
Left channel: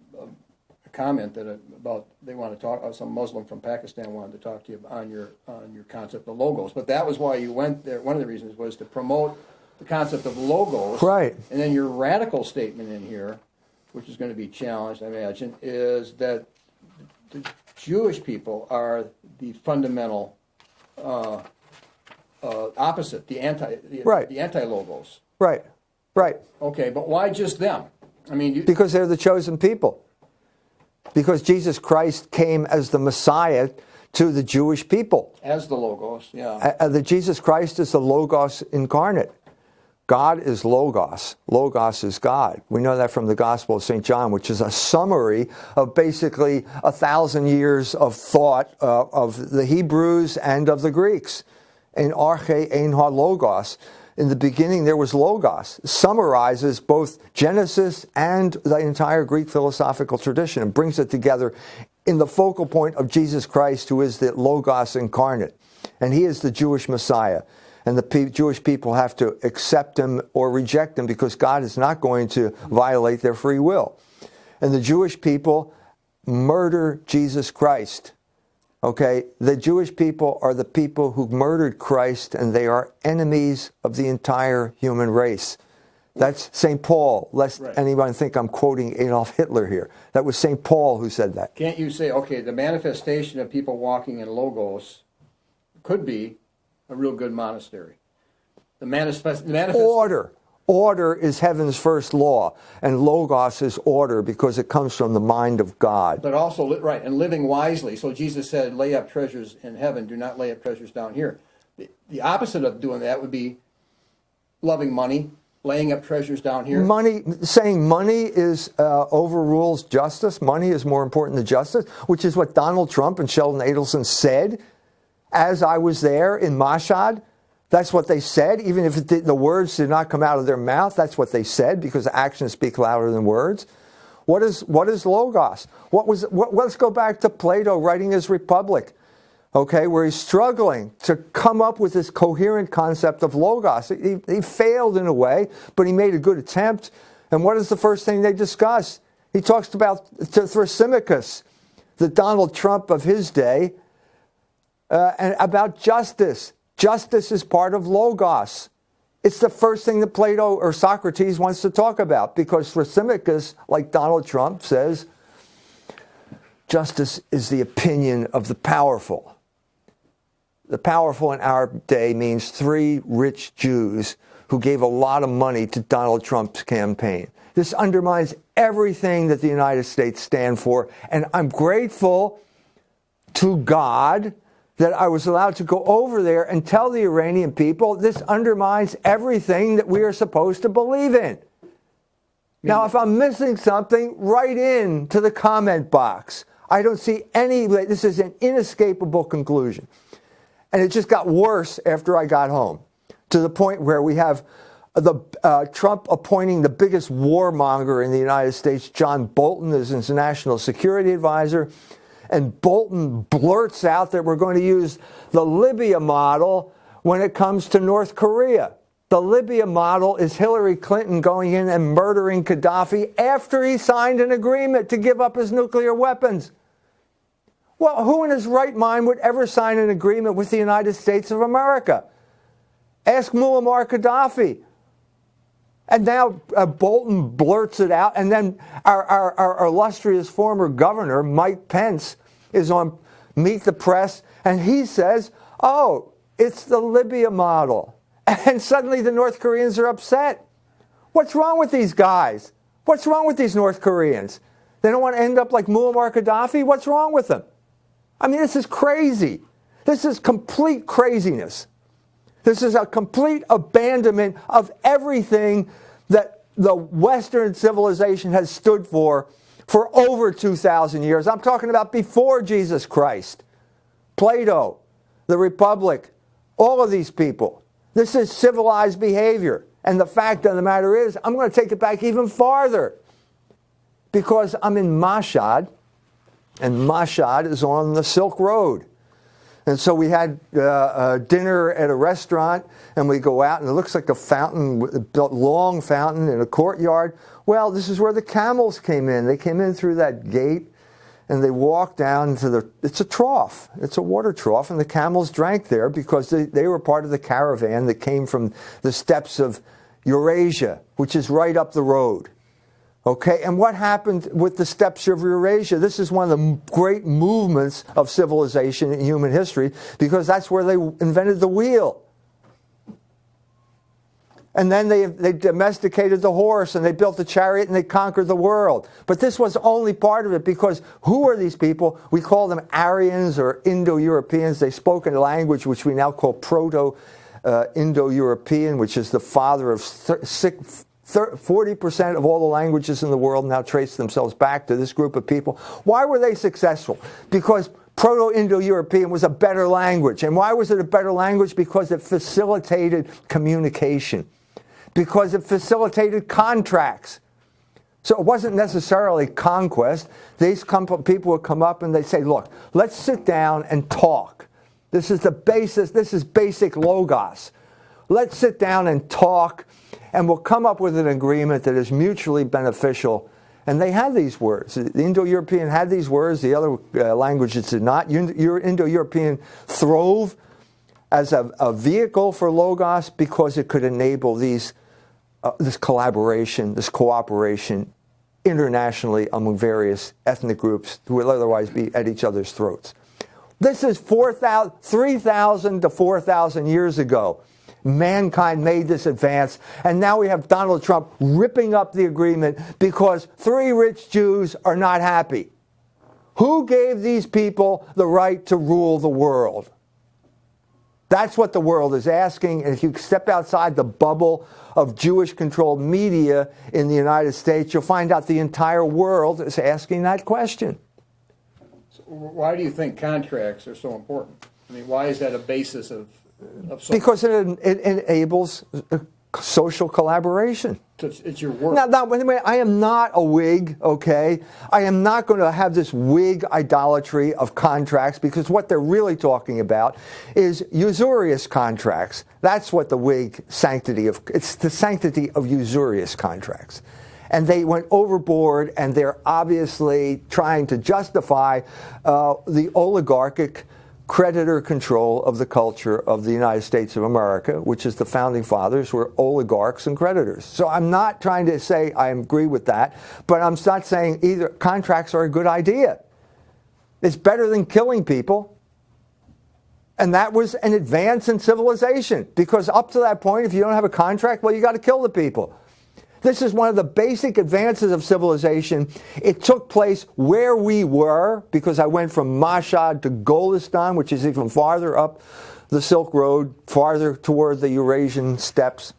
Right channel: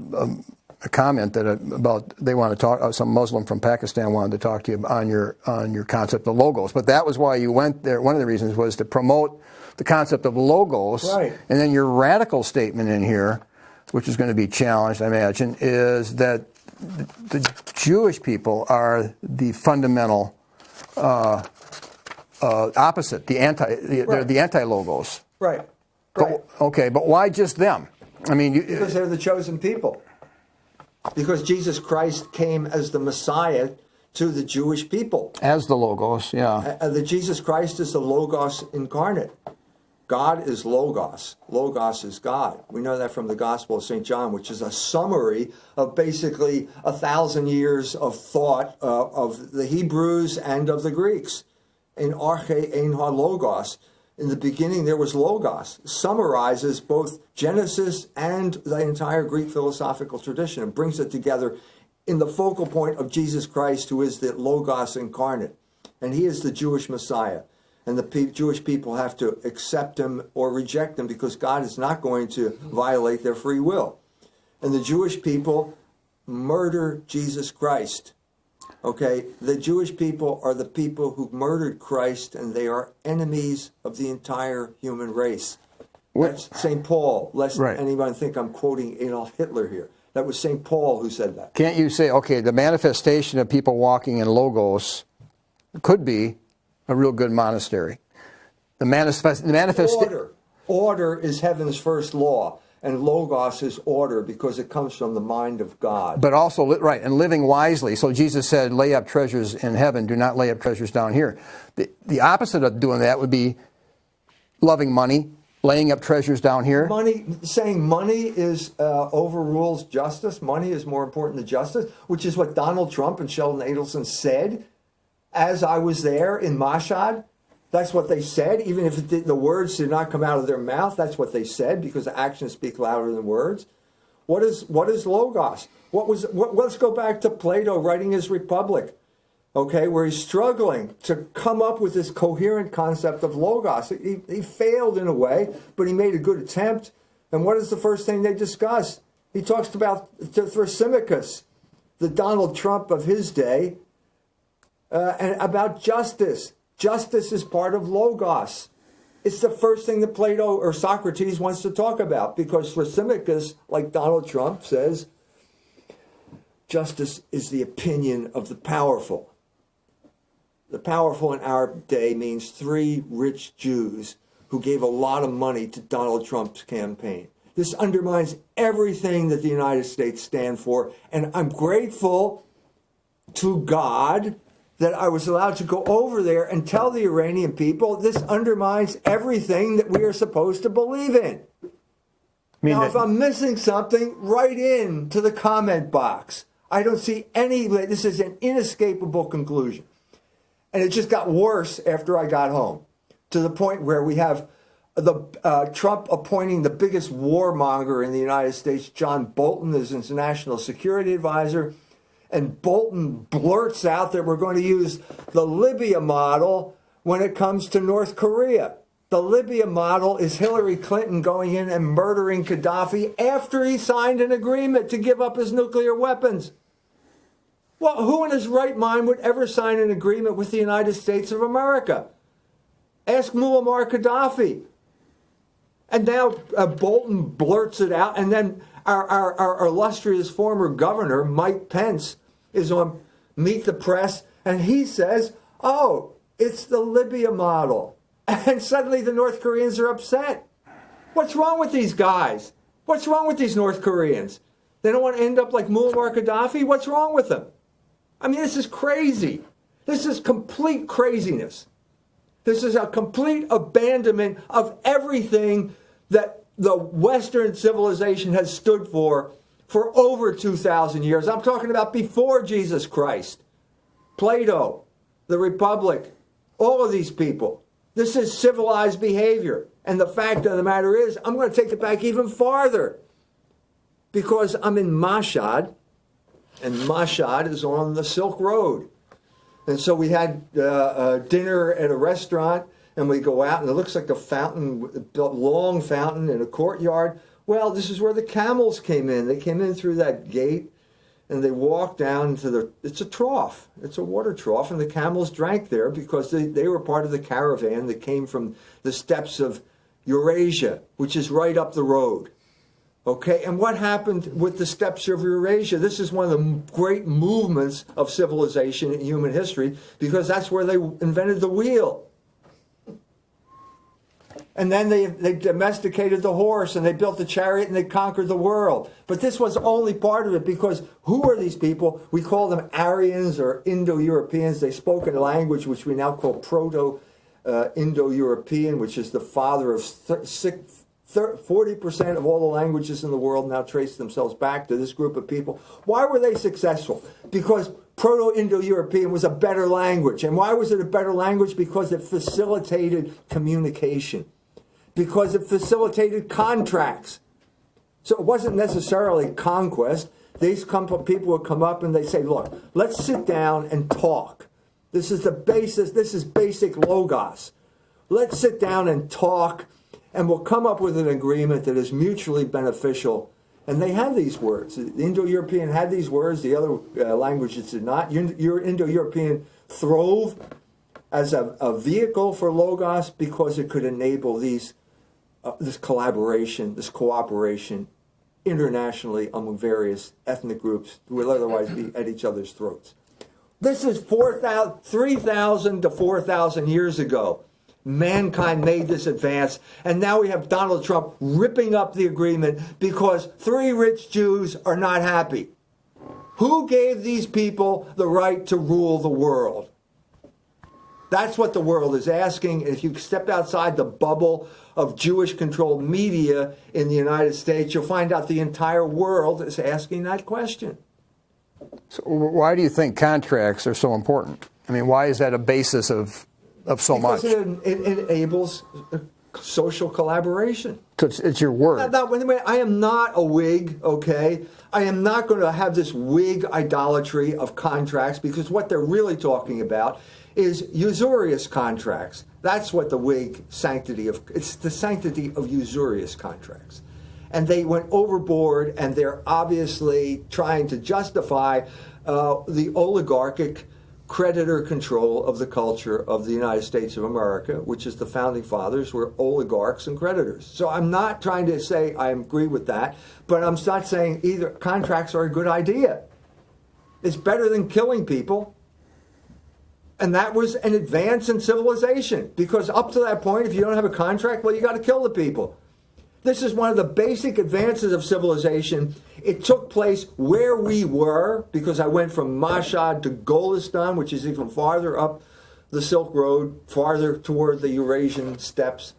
a comment that about they want to talk. Some Muslim from Pakistan wanted to talk to you on your concept of logos. But that was why you went there. One of the reasons was to promote the concept of logos. Right. And then your radical statement in here, which is going to be challenged, I imagine, is that the Jewish people are the fundamental opposite, the anti-logos. Right. Right. But why just them? I mean, because they're the chosen people. Because Jesus Christ came as the Messiah to the Jewish people. As the Logos, yeah. The Jesus Christ is the Logos incarnate. God is Logos. Logos is God. We know that from the Gospel of St. John, which is a summary of basically 1,000 years of thought of the Hebrews and of the Greeks. In Arche Ein Ha Logos. In the beginning, there was Logos. It summarizes both Genesis and the entire Greek philosophical tradition and brings it together in the focal point of Jesus Christ, who is the Logos incarnate. And he is the Jewish Messiah. And the Jewish people have to accept him or reject him because God is not going to violate their free will. And the Jewish people murder Jesus Christ. Okay, the Jewish people are the people who murdered Christ, and they are enemies of the entire human race. That's St. Paul, lest anyone think I'm quoting Adolf Hitler here. That was St. Paul who said that. Can't you say, okay, the manifestation of people walking in logos could be a real good monastery? The manifestation... Order is heaven's first law, and logos is order because it comes from the mind of God. But also, and living wisely. So Jesus said, lay up treasures in heaven, do not lay up treasures down here. The opposite of doing that would be loving money, laying up treasures down here. Saying money is overrules justice. Money is more important than justice, which is what Donald Trump and Sheldon Adelson said as I was there in Mashhad. That's what they said, even if the words did not come out of their mouth. That's what they said, because actions speak louder than words. What is logos? Let's go back to Plato writing his Republic, okay, where he's struggling to come up with this coherent concept of logos. He failed in a way, but he made a good attempt. And what is the first thing they discuss? He talks about Thrasymachus, the Donald Trump of his day, and about justice. Justice is part of logos. It's the first thing that Plato or Socrates wants to talk about, because Thrasymachus, like Donald Trump, says justice is the opinion of the powerful. The powerful in our day means 3 rich Jews who gave a lot of money to Donald Trump's campaign. This undermines everything that the United States stand for, and I'm grateful to God that I was allowed to go over there and tell the Iranian people this undermines everything that we are supposed to believe in. Now, if I'm missing something, write in to the comment box. I don't see any way. This is an inescapable conclusion. And it just got worse after I got home, to the point where we have Trump appointing the biggest warmonger in the United States, John Bolton, as his national security advisor. And Bolton blurts out that we're going to use the Libya model when it comes to North Korea. The Libya model is Hillary Clinton going in and murdering Gaddafi after he signed an agreement to give up his nuclear weapons. Well, who in his right mind would ever sign an agreement with the United States of America? Ask Muammar Gaddafi. And now Bolton blurts it out, and then our illustrious former governor, Mike Pence, is on Meet the Press, and he says, oh, it's the Libya model. And suddenly the North Koreans are upset. What's wrong with these guys? What's wrong with these North Koreans? They don't want to end up like Muammar Gaddafi? What's wrong with them? I mean, this is crazy. This is complete craziness. This is a complete abandonment of everything that the Western civilization has stood for over 2,000 years. I'm talking about before Jesus Christ. Plato, the Republic, all of these people. This is civilized behavior. And the fact of the matter is, I'm going to take it back even farther. Because I'm in Mashhad, and Mashhad is on the Silk Road. And so we had dinner at a restaurant, and we go out, and it looks like a fountain, a long fountain in a courtyard. Well, this is where the camels came in. They came in through that gate, and they walked down to it's a trough. It's a water trough, and the camels drank there because they were part of the caravan that came from the steppes of Eurasia, which is right up the road. Okay, and what happened with the steppes of Eurasia? This is one of the great movements of civilization in human history because that's where they invented the wheel. And then they domesticated the horse, and they built the chariot, and they conquered the world. But this was only part of it because who are these people? We call them Aryans or Indo-Europeans. They spoke in a language which we now call Proto-Indo-European, which is the father of 40% of all the languages in the world now trace themselves back to this group of people. Why were they successful? Because Proto-Indo-European was a better language. And why was it a better language? Because it facilitated communication. Because it facilitated contracts. So it wasn't necessarily conquest. These people would come up and they say, look, let's sit down and talk. This is the basis. This is basic logos. Let's sit down and talk, and we'll come up with an agreement that is mutually beneficial. And they have these words. The Indo-European had these words. The other languages did not. Indo-European throve as a vehicle for logos because it could enable this collaboration, this cooperation internationally among various ethnic groups who would otherwise be at each other's throats. This is 3,000 to 4,000 years ago. Mankind made this advance, and now we have Donald Trump ripping up the agreement because 3 rich Jews are not happy. Who gave these people the right to rule the world? That's what the world is asking, and if you step outside the bubble of Jewish-controlled media in the United States, you'll find out the entire world is asking that question. So why do you think contracts are so important? I mean, why is that a basis of so because much? it enables social collaboration. So it's your word. Now, I am not a Whig, okay? I am not going to have this Whig idolatry of contracts because what they're really talking about is usurious contracts. That's what the Whig it's the sanctity of usurious contracts. And they went overboard, and they're obviously trying to justify the oligarchic creditor control of the culture of the United States of America, which is the founding fathers were oligarchs and creditors. So I'm not trying to say I agree with that, but I'm not saying either contracts are a good idea. It's better than killing people. And that was an advance in civilization, because up to that point, if you don't have a contract, well, you got to kill the people. This is one of the basic advances of civilization. It took place where we were, because I went from Mashhad to Golestan, which is even farther up the Silk Road, farther toward the Eurasian steppes.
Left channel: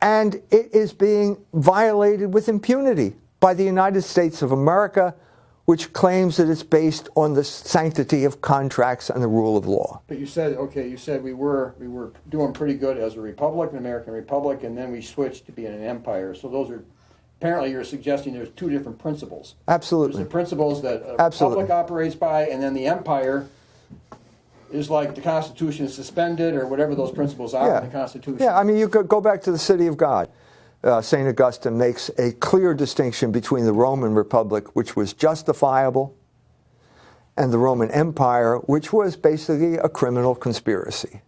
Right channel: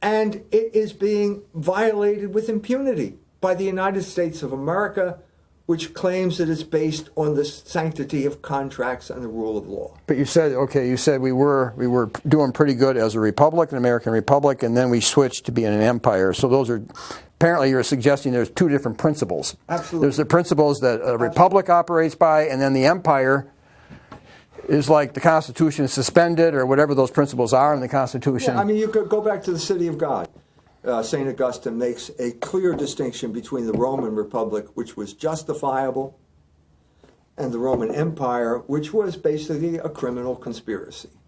And it is being violated with impunity by the United States of America, which claims that it's based on the sanctity of contracts and the rule of law. But you said we were doing pretty good as a republic, an American republic, and then we switched to being an empire. So those are, apparently you're suggesting there's 2 different principles. Absolutely. There's the principles that a republic operates by, and then the empire is like the Constitution is suspended, or whatever those principles are in the Constitution. Yeah, I mean, you could go back to the city of God. St. Augustine makes a clear distinction between the Roman Republic, which was justifiable, and the Roman Empire, which was basically a criminal conspiracy.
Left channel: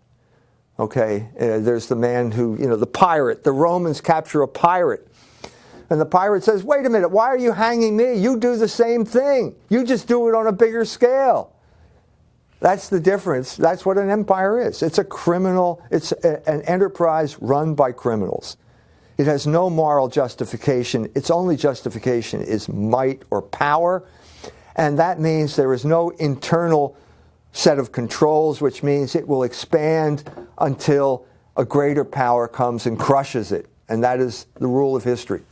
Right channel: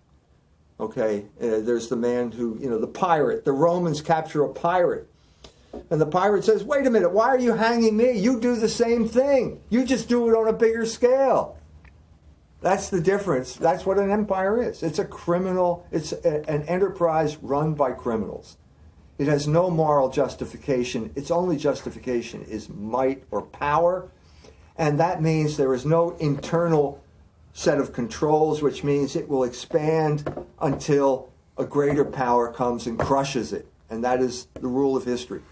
Okay, there's the man who, the pirate. The Romans capture a pirate. And the pirate says, wait a minute, why are you hanging me? You do the same thing. You just do it on a bigger scale. That's the difference. That's what an empire is. It's a criminal, it's an enterprise run by criminals. It has no moral justification. Its only justification is might or power. And that means there is no internal set of controls, which means it will expand until a greater power comes and crushes it. And that is the rule of history.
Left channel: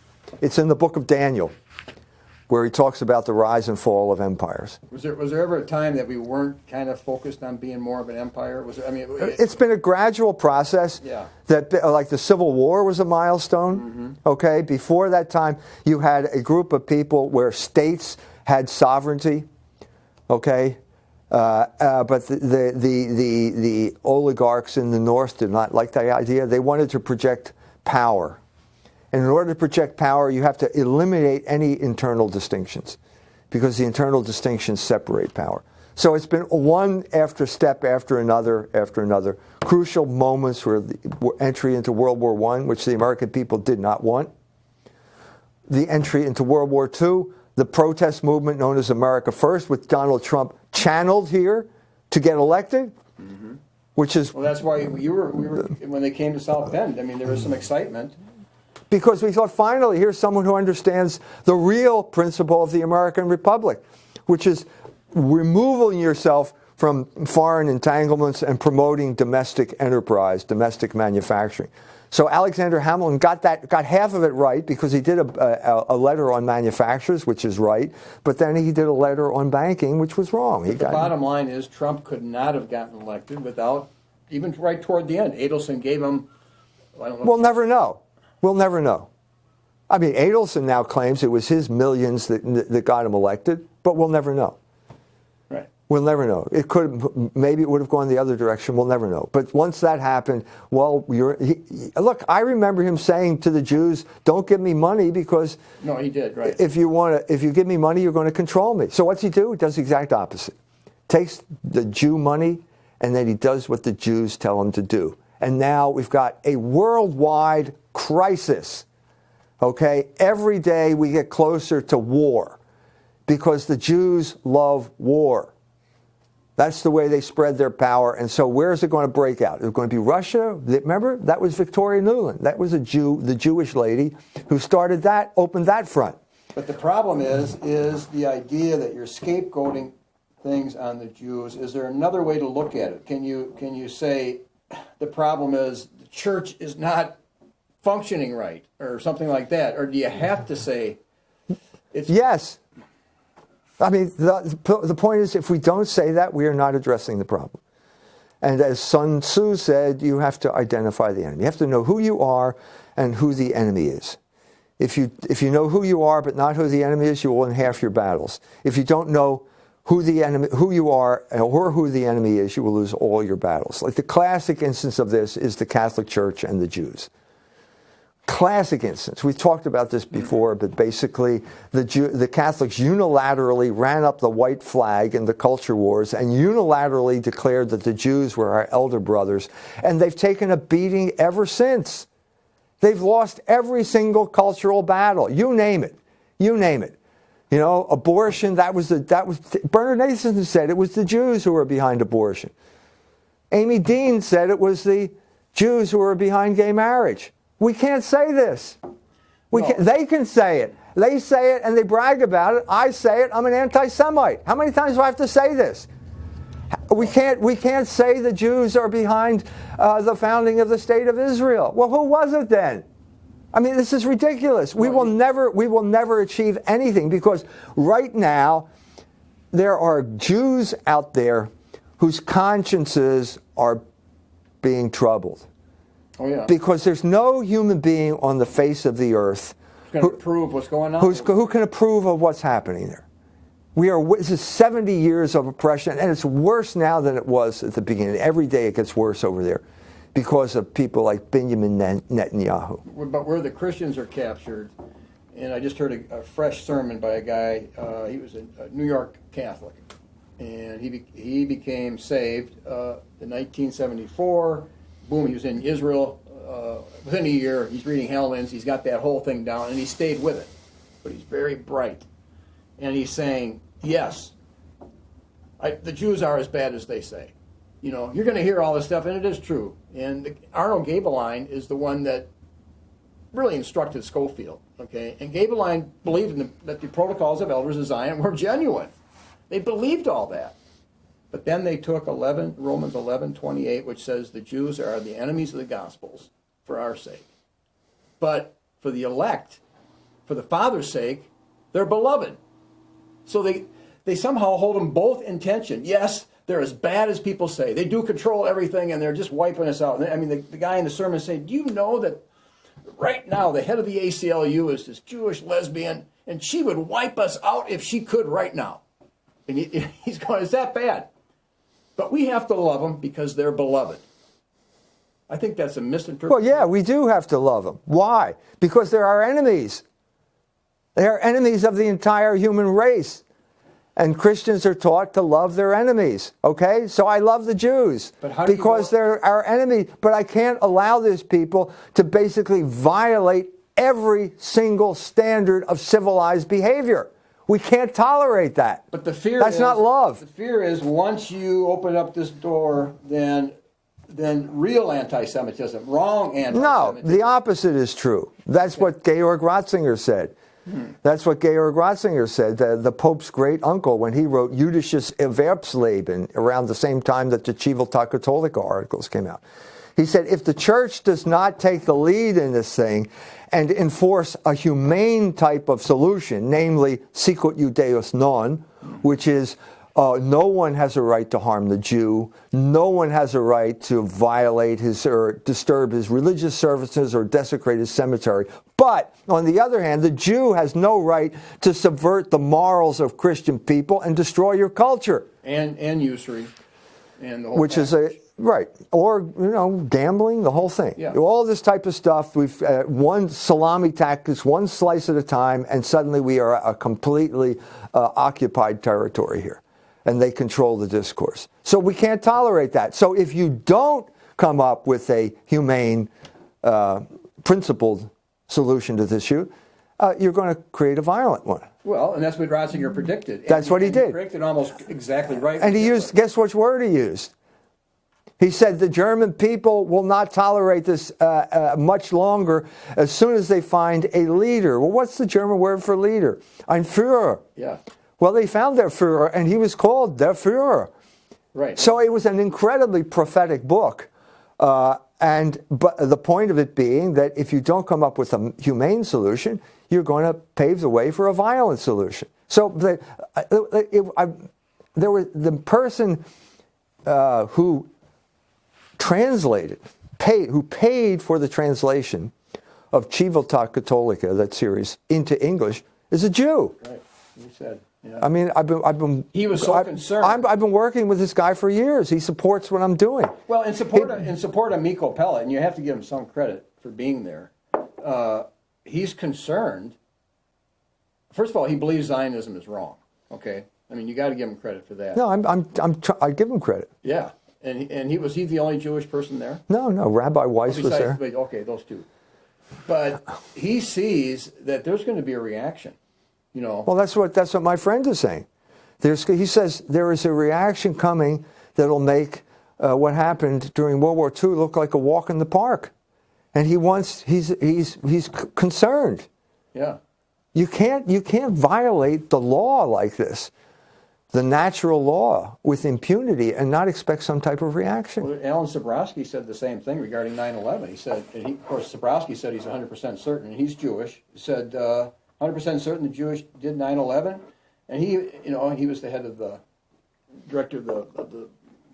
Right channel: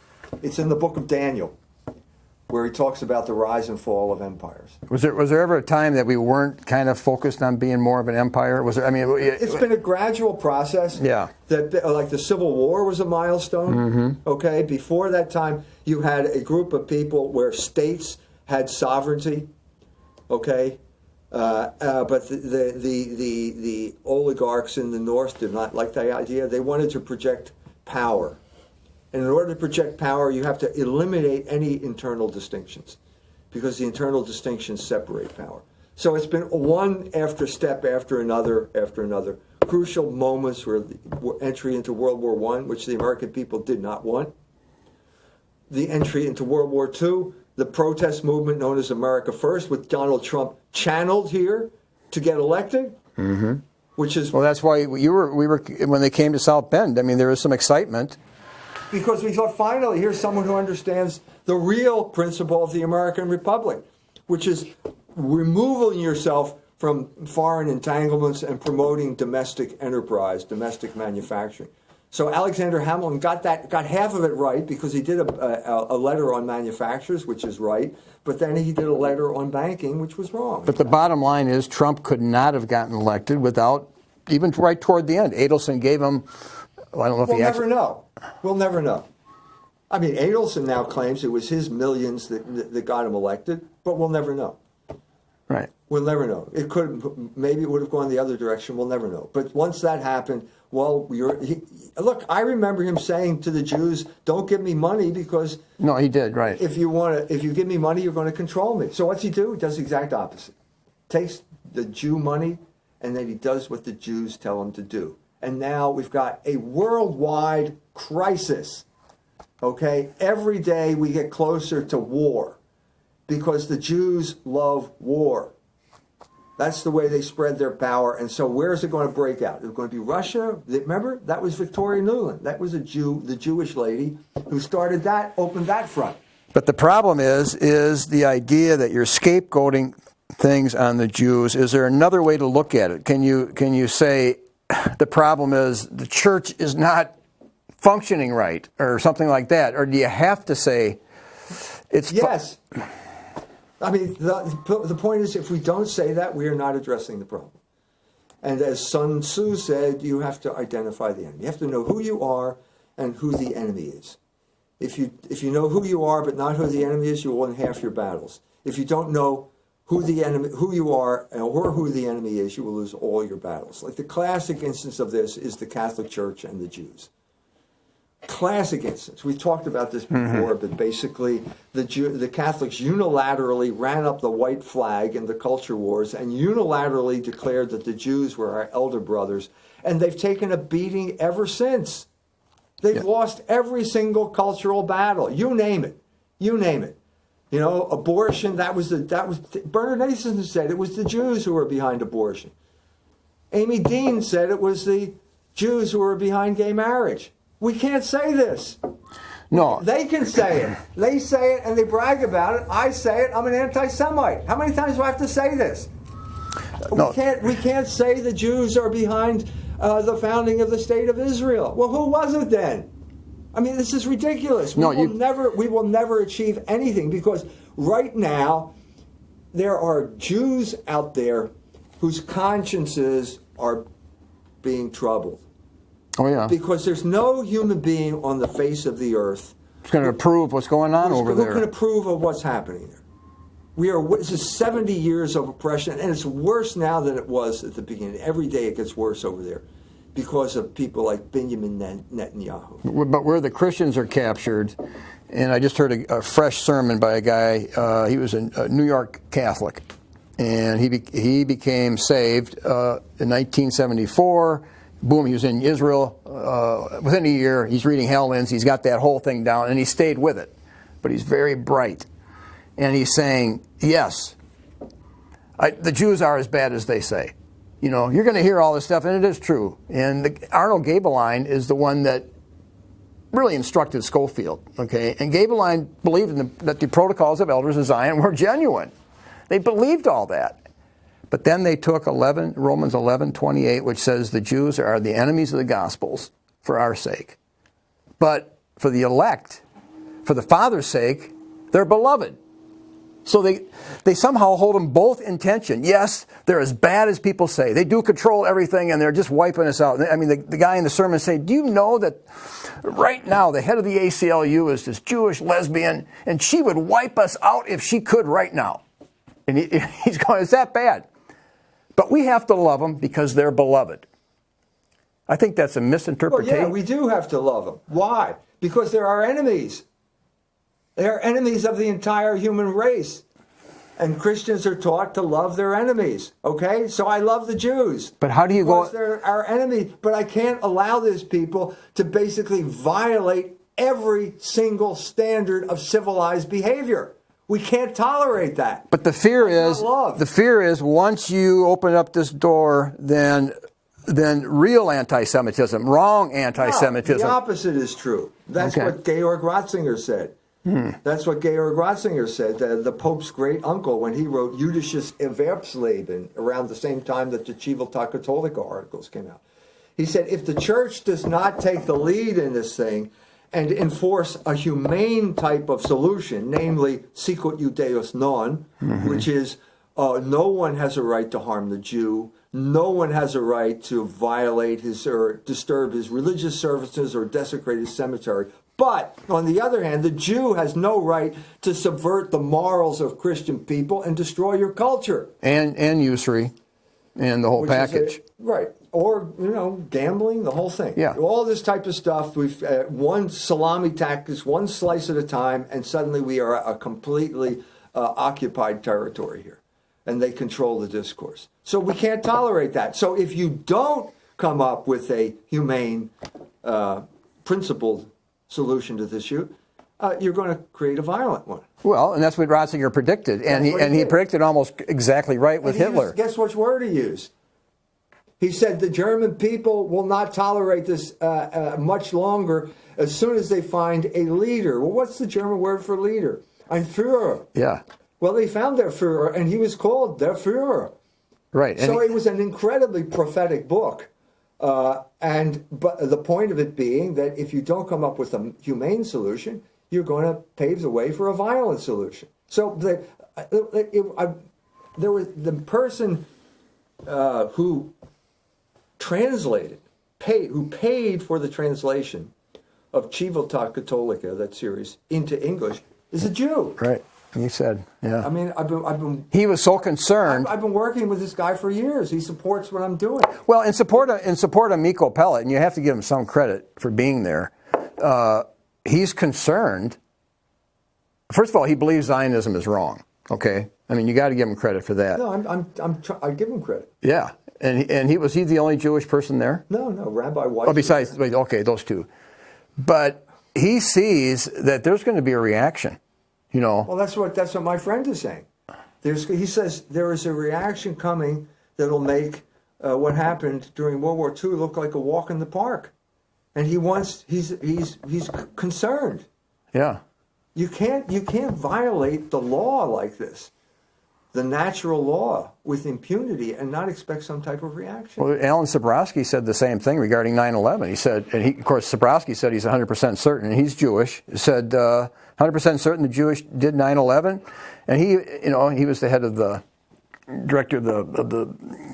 It's in the book of Daniel, where he talks about the rise and fall of empires. Was there ever a time that we weren't kind of focused on being more of an empire? Was there? I mean, it's been a gradual process. Yeah. That, like the Civil War was a milestone. Mm-hmm. Okay. Before that time, you had a group of people where states had sovereignty. Okay. But the oligarchs in the North did not like that idea. They wanted to project power. And in order to project power, you have to eliminate any internal distinctions, because the internal distinctions separate power. So it's been one step after another, crucial moments were the entry into World War I, which the American people did not want, the entry into World War II, the protest movement known as America First, with Donald Trump channeled here to get elected, which is... Well, that's why we were when they came to South Bend, I mean, there was some excitement. Because we thought, finally, here's someone who understands the real principle of the American Republic, which is removing yourself from foreign entanglements and promoting domestic enterprise, domestic manufacturing. So Alexander Hamilton got half of it right, because he did a letter on manufacturers, which is right, but then he did a letter on banking, which was wrong. But the bottom line is Trump could not have gotten elected without, even right toward the end, Adelson gave him, well, I don't know if we'll never know. We'll never know. I mean, Adelson now claims it was his millions that got him elected, but we'll never know. Right. We'll never know. Maybe it would have gone the other direction. We'll never know. But once that happened, well, look, I remember him saying to the Jews, "Don't give me money, because no, he did, right. If you give me money, you're going to control me." So what's he do? He does the exact opposite. Takes the Jew money, and then he does what the Jews tell him to do. And now we've got a worldwide crisis. Okay? Every day we get closer to war, because the Jews love war. That's the way they spread their power. And so where is it going to break out? Is it going to be Russia? Remember? That was Victoria Nuland. That was the Jewish lady who started that, opened that front. But the problem is the idea that you're scapegoating things on the Jews. Is there another way to look at it? Can you say the problem is the church is not functioning right, or something like that? Or do you have to say it's... Yes. I mean, the point is, if we don't say that, we are not addressing the problem. And as Sun Tzu said, you have to identify the enemy. You have to know who you are and who the enemy is. If you know who you are but not who the enemy is, you will win half your battles. If you don't know who you are or who the enemy is, you will lose all your battles. Like the classic instance of this is the Catholic Church and the Jews. Classic instance. We've talked about this before, but basically the Catholics unilaterally ran up the white flag in the culture wars and unilaterally declared that the Jews were our elder brothers, and they've taken a beating ever since. They've lost every single cultural battle. You name it. You name it. You know, abortion, Bernard Nathan said it was the Jews who were behind abortion. Amy Dean said it was the Jews who were behind gay marriage. We can't say this. They can say it. They say it and they brag about it. I say it. I'm an anti-Semite. How many times do I have to say this? No. We can't say the Jews are behind the founding of the State of Israel. Well, who was it then? I mean, this is ridiculous. We will never achieve anything, because right now there are Jews out there whose consciences are being troubled. Oh, yeah. Because there's no human being on the face of the earth who's going to approve what's going on over there. Who can approve of what's happening there. This is 70 years of oppression, and it's worse now than it was at the beginning. Every day it gets worse over there because of people like Benjamin Netanyahu. But where the Christians are captured, and I just heard a fresh sermon by a guy, he was a New York Catholic, and he became saved in 1974. Boom, he was in Israel within a year. He's reading Helland. He's got that whole thing down, and he stayed with it. But he's very bright. And he's saying, yes, the Jews are as bad as they say. You know, you're going to hear all this stuff, and it is true. And Arnold Gabeline is the one that really instructed Schofield, okay? And Gabeline believed that the protocols of elders of Zion were genuine. They believed all that. But then they took Romans 11:28, which says the Jews are the enemies of the Gospels for our sake. But for the elect, for the Father's sake, they're beloved. So they somehow hold them both in tension. Yes, they're as bad as people say. They do control everything, and they're just wiping us out. I mean, the guy in the sermon said, do you know that right now the head of the ACLU is this Jewish lesbian, and she would wipe us out if she could right now? And he's going, it's that bad. But we have to love them because they're beloved. I think that's a misinterpretation. Well, yeah, we do have to love them. Why? Because they're our enemies. They are enemies of the entire human race. And Christians are taught to love their enemies. Okay? So I love the Jews. But how do you because they're our enemies. But I can't allow these people to basically violate every single standard of civilized behavior. We can't tolerate that. But the fear That's is not love. The fear is once you open up this door, then real anti-Semitism, wrong anti-Semitism. No, the opposite is true. That's what Georg Ratzinger said. That's what Georg Ratzinger said, the Pope's great uncle, when he wrote Jüdisches Erwerbsleben around the same time that the Civiltà Cattolica articles came out. He said, if the church does not take the lead in this thing and enforce a humane type of solution, namely sicut Judaeus non, which is no one has a right to harm the Jew, no one has a right to violate his or disturb his religious services or desecrate his cemetery. But, on the other hand, the Jew has no right to subvert the morals of Christian people and destroy your culture. And usury. And the whole package. Right. Or, gambling, the whole thing. Yeah. All this type of stuff, we've one salami tactics, one slice at a time, and suddenly we are a completely occupied territory here. And they control the discourse. So we can't tolerate that. So if you don't come up with a humane, principled solution to this issue, you're going to create a violent one. Well, and that's what Ratzinger predicted. That's what he did. He predicted almost exactly right with Hitler. Used, guess which word he used? He said the German people will not tolerate this much longer as soon as they find a leader. Well, what's the German word for leader? Ein Führer. Yeah. Well, they found their Führer, and he was called der Führer. Right. So it was an incredibly prophetic book. But the point of it being that if you don't come up with a humane solution, you're going to pave the way for a violent solution. So the person who translated, who paid for the translation of Civiltà Cattolica, that series, into English, is a Jew. Right. He said, yeah. I mean, he was so concerned. I've been working with this guy for years. He supports what I'm doing. Well, in support of Miko Pellet, and you have to give him some credit for being there, he's concerned. First of all, he believes Zionism is wrong. Okay, I mean, you got to give him credit for that. No, I give him credit. Yeah, and was he the only Jewish person there? No, Rabbi Weiss was there. Okay, those two. But he sees that there's going to be a reaction. Well, that's what my friend is saying. He says there is a reaction coming that'll make what happened during World War II look like a walk in the park, and he's concerned. Yeah, you can't violate the law like this, the natural law, with impunity and not expect some type of reaction. Well, Alan Sabrowski said the same thing regarding 9/11. He said, of course, Sabrowski said he's 100% certain, and he's Jewish. He said 100% certain the Jewish did 9/11, and he was the head of the director of the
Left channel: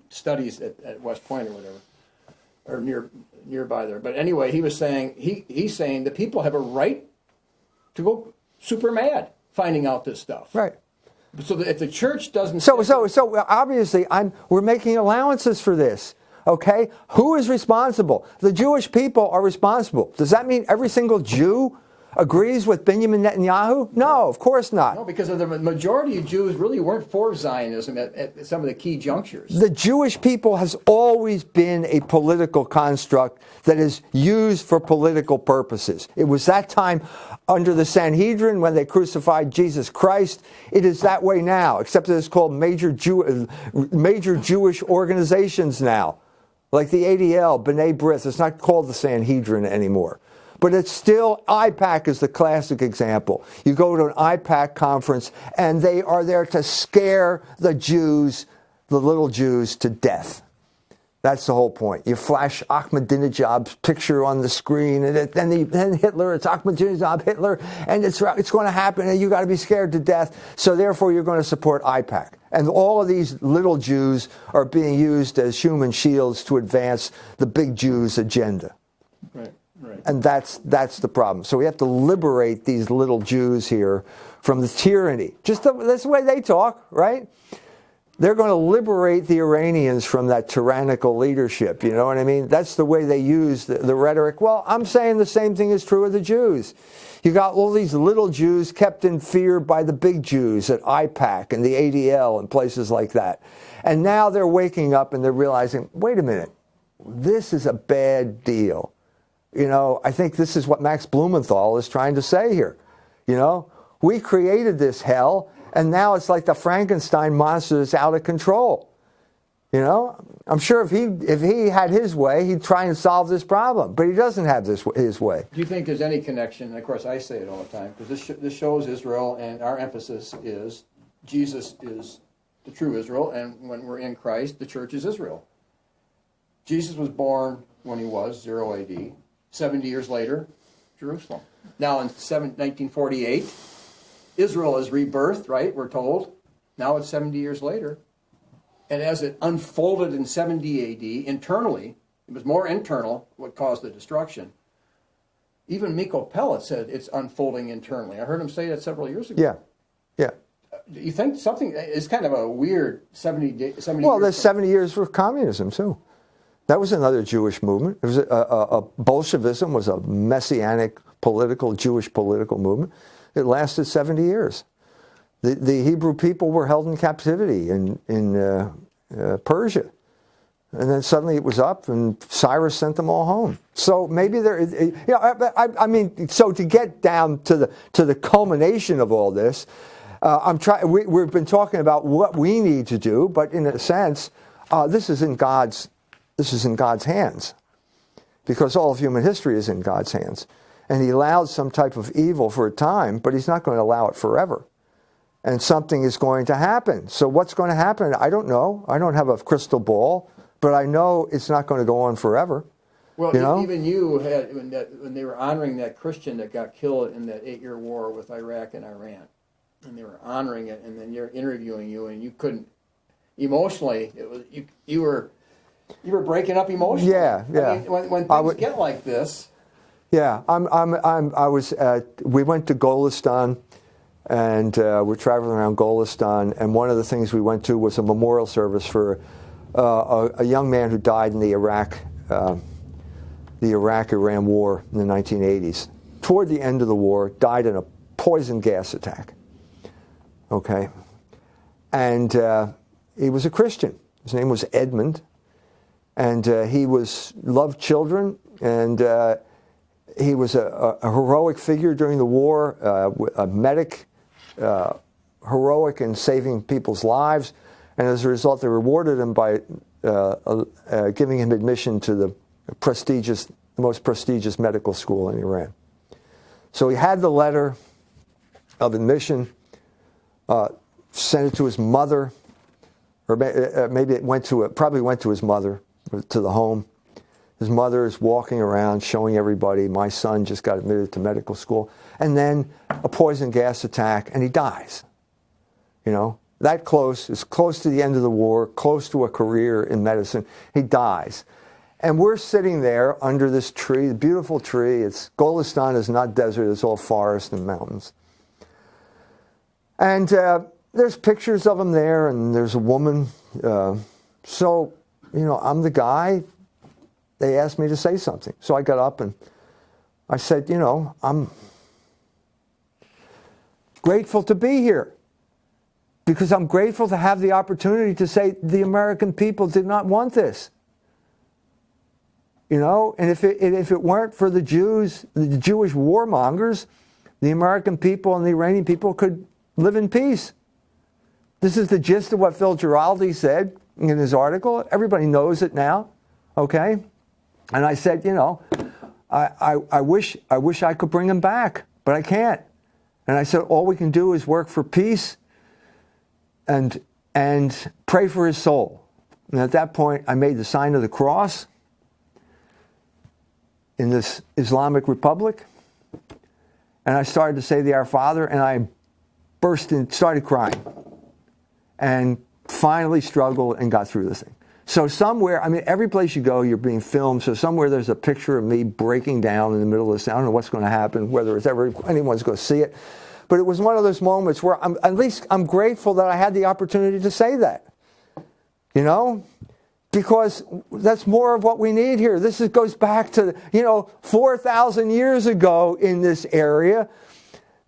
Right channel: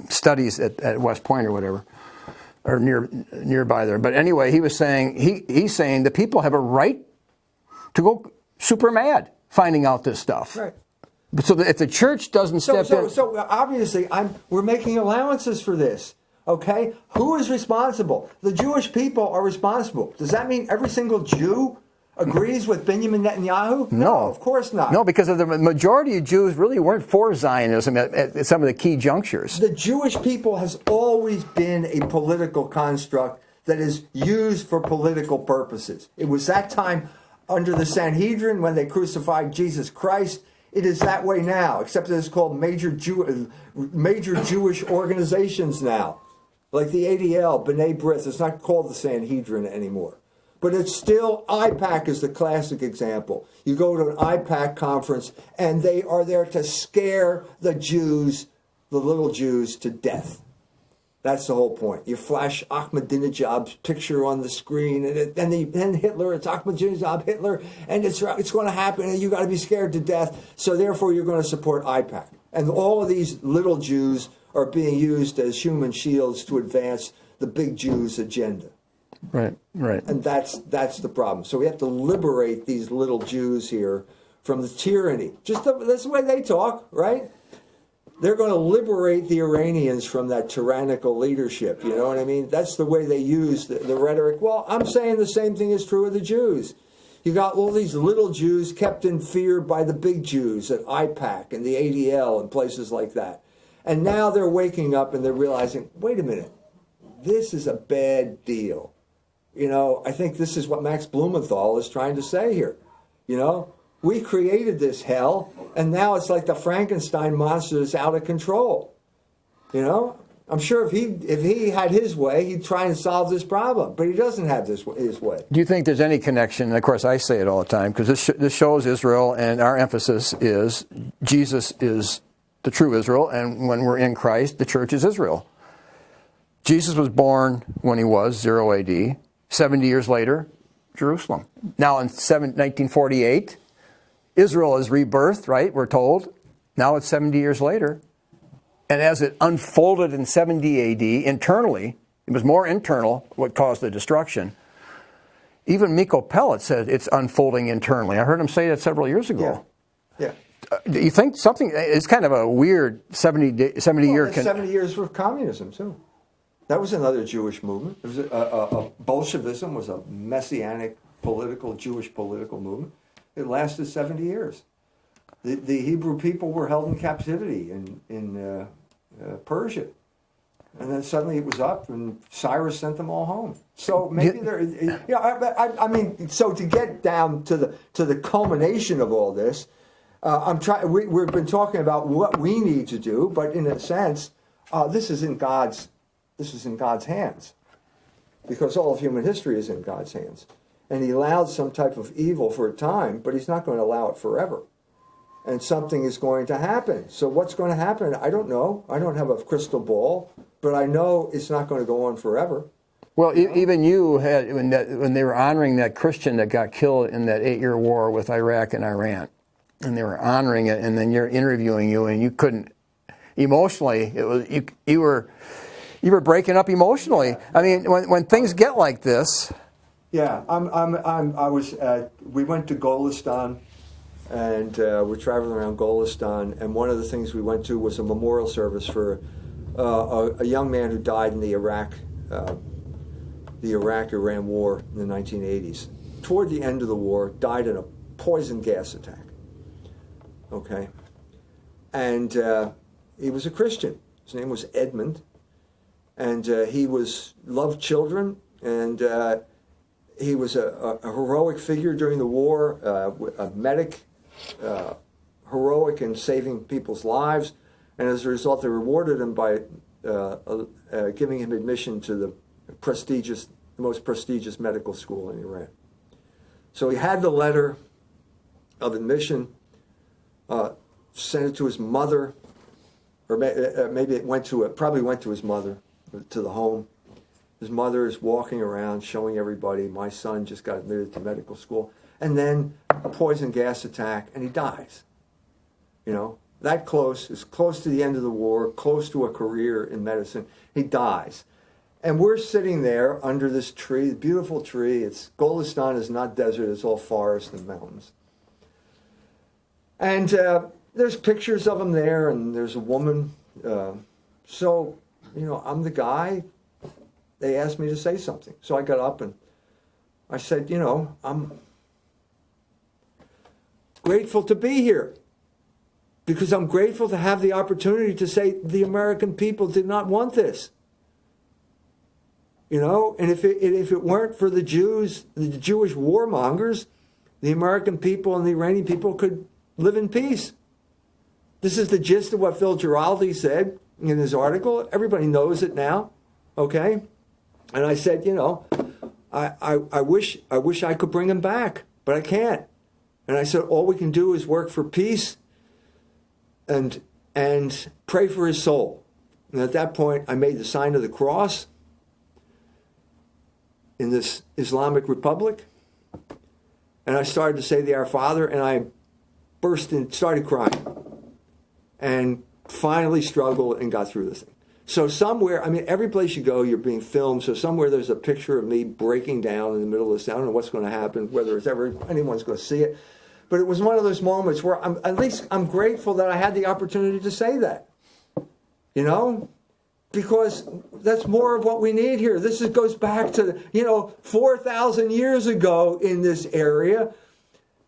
studies at West Point or whatever, or nearby there. But anyway, he was saying he's saying the people have a right to go super mad finding out this stuff. Right. So if the church doesn't so obviously we're making allowances for this. Okay, who is responsible? The Jewish people are responsible. Does that mean every single Jew agrees with Benjamin Netanyahu? No, of course not. No, because of the majority of Jews really weren't for Zionism at some of the key junctures. The Jewish people has always been a political construct that is used for political purposes. It was that time under the Sanhedrin when they crucified Jesus Christ. It is that way now, except that it's called major Jewish organizations now, like the ADL, B'nai B'rith. It's not called the Sanhedrin anymore. But it's still, IPAC is the classic example. You go to an IPAC conference, and they are there to scare the Jews, the little Jews, to death. That's the whole point. You flash Ahmadinejad's picture on the screen, and then Hitler, it's Ahmadinejad, Hitler, and it's going to happen, and you got to be scared to death. So therefore, you're going to support IPAC. And all of these little Jews are being used as human shields to advance the big Jews' agenda. Right, right. And that's the problem. So we have to liberate these little Jews here from the tyranny. That's the way they talk, right? They're going to liberate the Iranians from that tyrannical leadership. You know what I mean? That's the way they use the rhetoric. Well, I'm saying the same thing is true of the Jews. You got all these little Jews kept in fear by the big Jews at IPAC and the ADL and places like that. And now they're waking up and they're realizing, wait a minute, this is a bad deal. You know, I think this is what Max Blumenthal is trying to say here. You know, we created this hell, and now it's like the Frankenstein monster is out of control. You know, I'm sure if he had his way, he'd try and solve this problem, but he doesn't have his way. Do you think there's any connection? And of course, I say it all the time because this shows Israel, and our emphasis is Jesus is the true Israel, and when we're in Christ, the church is Israel. Jesus was born when he was 0 AD. 70 years later, Jerusalem. Now in 1948, Israel is rebirthed, right? We're told. Now it's 70 years later. And as it unfolded in 70 AD, internally, it was more internal what caused the destruction. Even Miko Pellet said it's unfolding internally. I heard him say that several years ago. Yeah. Do you think something, it's kind of a weird 70 year... Well, there's 70 years for communism, too. That was another Jewish movement. It was Bolshevism was a messianic Jewish political movement. It lasted 70 years. The Hebrew people were held in captivity in Persia. And then suddenly it was up, and Cyrus sent them all home. So maybe I mean, so to get down to the culmination of all this, we've been talking about what we need to do, but in a sense, this is in God's hands, because all of human history is in God's hands. And he allowed some type of evil for a time, but he's not going to allow it forever. And something is going to happen. So what's going to happen? I don't know. I don't have a crystal ball, but I know it's not going to go on forever. Well, even you had, when they were honoring that Christian that got killed in that 8-year war with Iraq and Iran, and they were honoring it, and then you're interviewing you, and you couldn't, emotionally, it was you were breaking up emotionally. Yeah. I mean, when things get like this. Yeah, we went to Golestan, and we're traveling around Golestan, and one of the things we went to was a memorial service for a young man who died in the Iraq-Iran war in the 1980s. Toward the end of the war, died in a poison gas attack. Okay, and he was a Christian. His name was Edmund. And he loved children, and he was a heroic figure during the war, a medic, heroic in saving people's lives. And as a result, they rewarded him by giving him admission to the most prestigious medical school in Iran. So he had the letter of admission, sent it to his mother, or maybe probably went to his mother, to the home. His mother is walking around showing everybody, my son just got admitted to medical school. And then a poison gas attack, and he dies. You know, that close, is close to the end of the war, close to a career in medicine. He dies. And we're sitting there under this tree, the beautiful tree. Golestan is not desert, it's all forest and mountains. And there's pictures of him there, and there's a woman. So, you know, I'm the guy. They asked me to say something. So I got up and I said, you know, I'm grateful to be here. Because I'm grateful to have the opportunity to say the American people did not want this. You know, and if it weren't for the Jews, the Jewish warmongers, the American people and the Iranian people could live in peace. This is the gist of what Phil Giraldi said in his article. Everybody knows it now, okay? And I said, you know, I wish I could bring him back, but I can't. And I said, all we can do is work for peace and pray for his soul. And at that point, I made the sign of the cross in this Islamic Republic. And I started to say the Our Father, and I started crying. And finally struggled and got through this thing. So somewhere, I mean, every place you go, you're being filmed. So somewhere there's a picture of me breaking down in the middle of this. I don't know what's going to happen, whether it's ever anyone's going to see it. But it was one of those moments where at least I'm grateful that I had the opportunity to say that. You know? Because that's more of what we need here. This goes back to, 4,000 years ago in this area,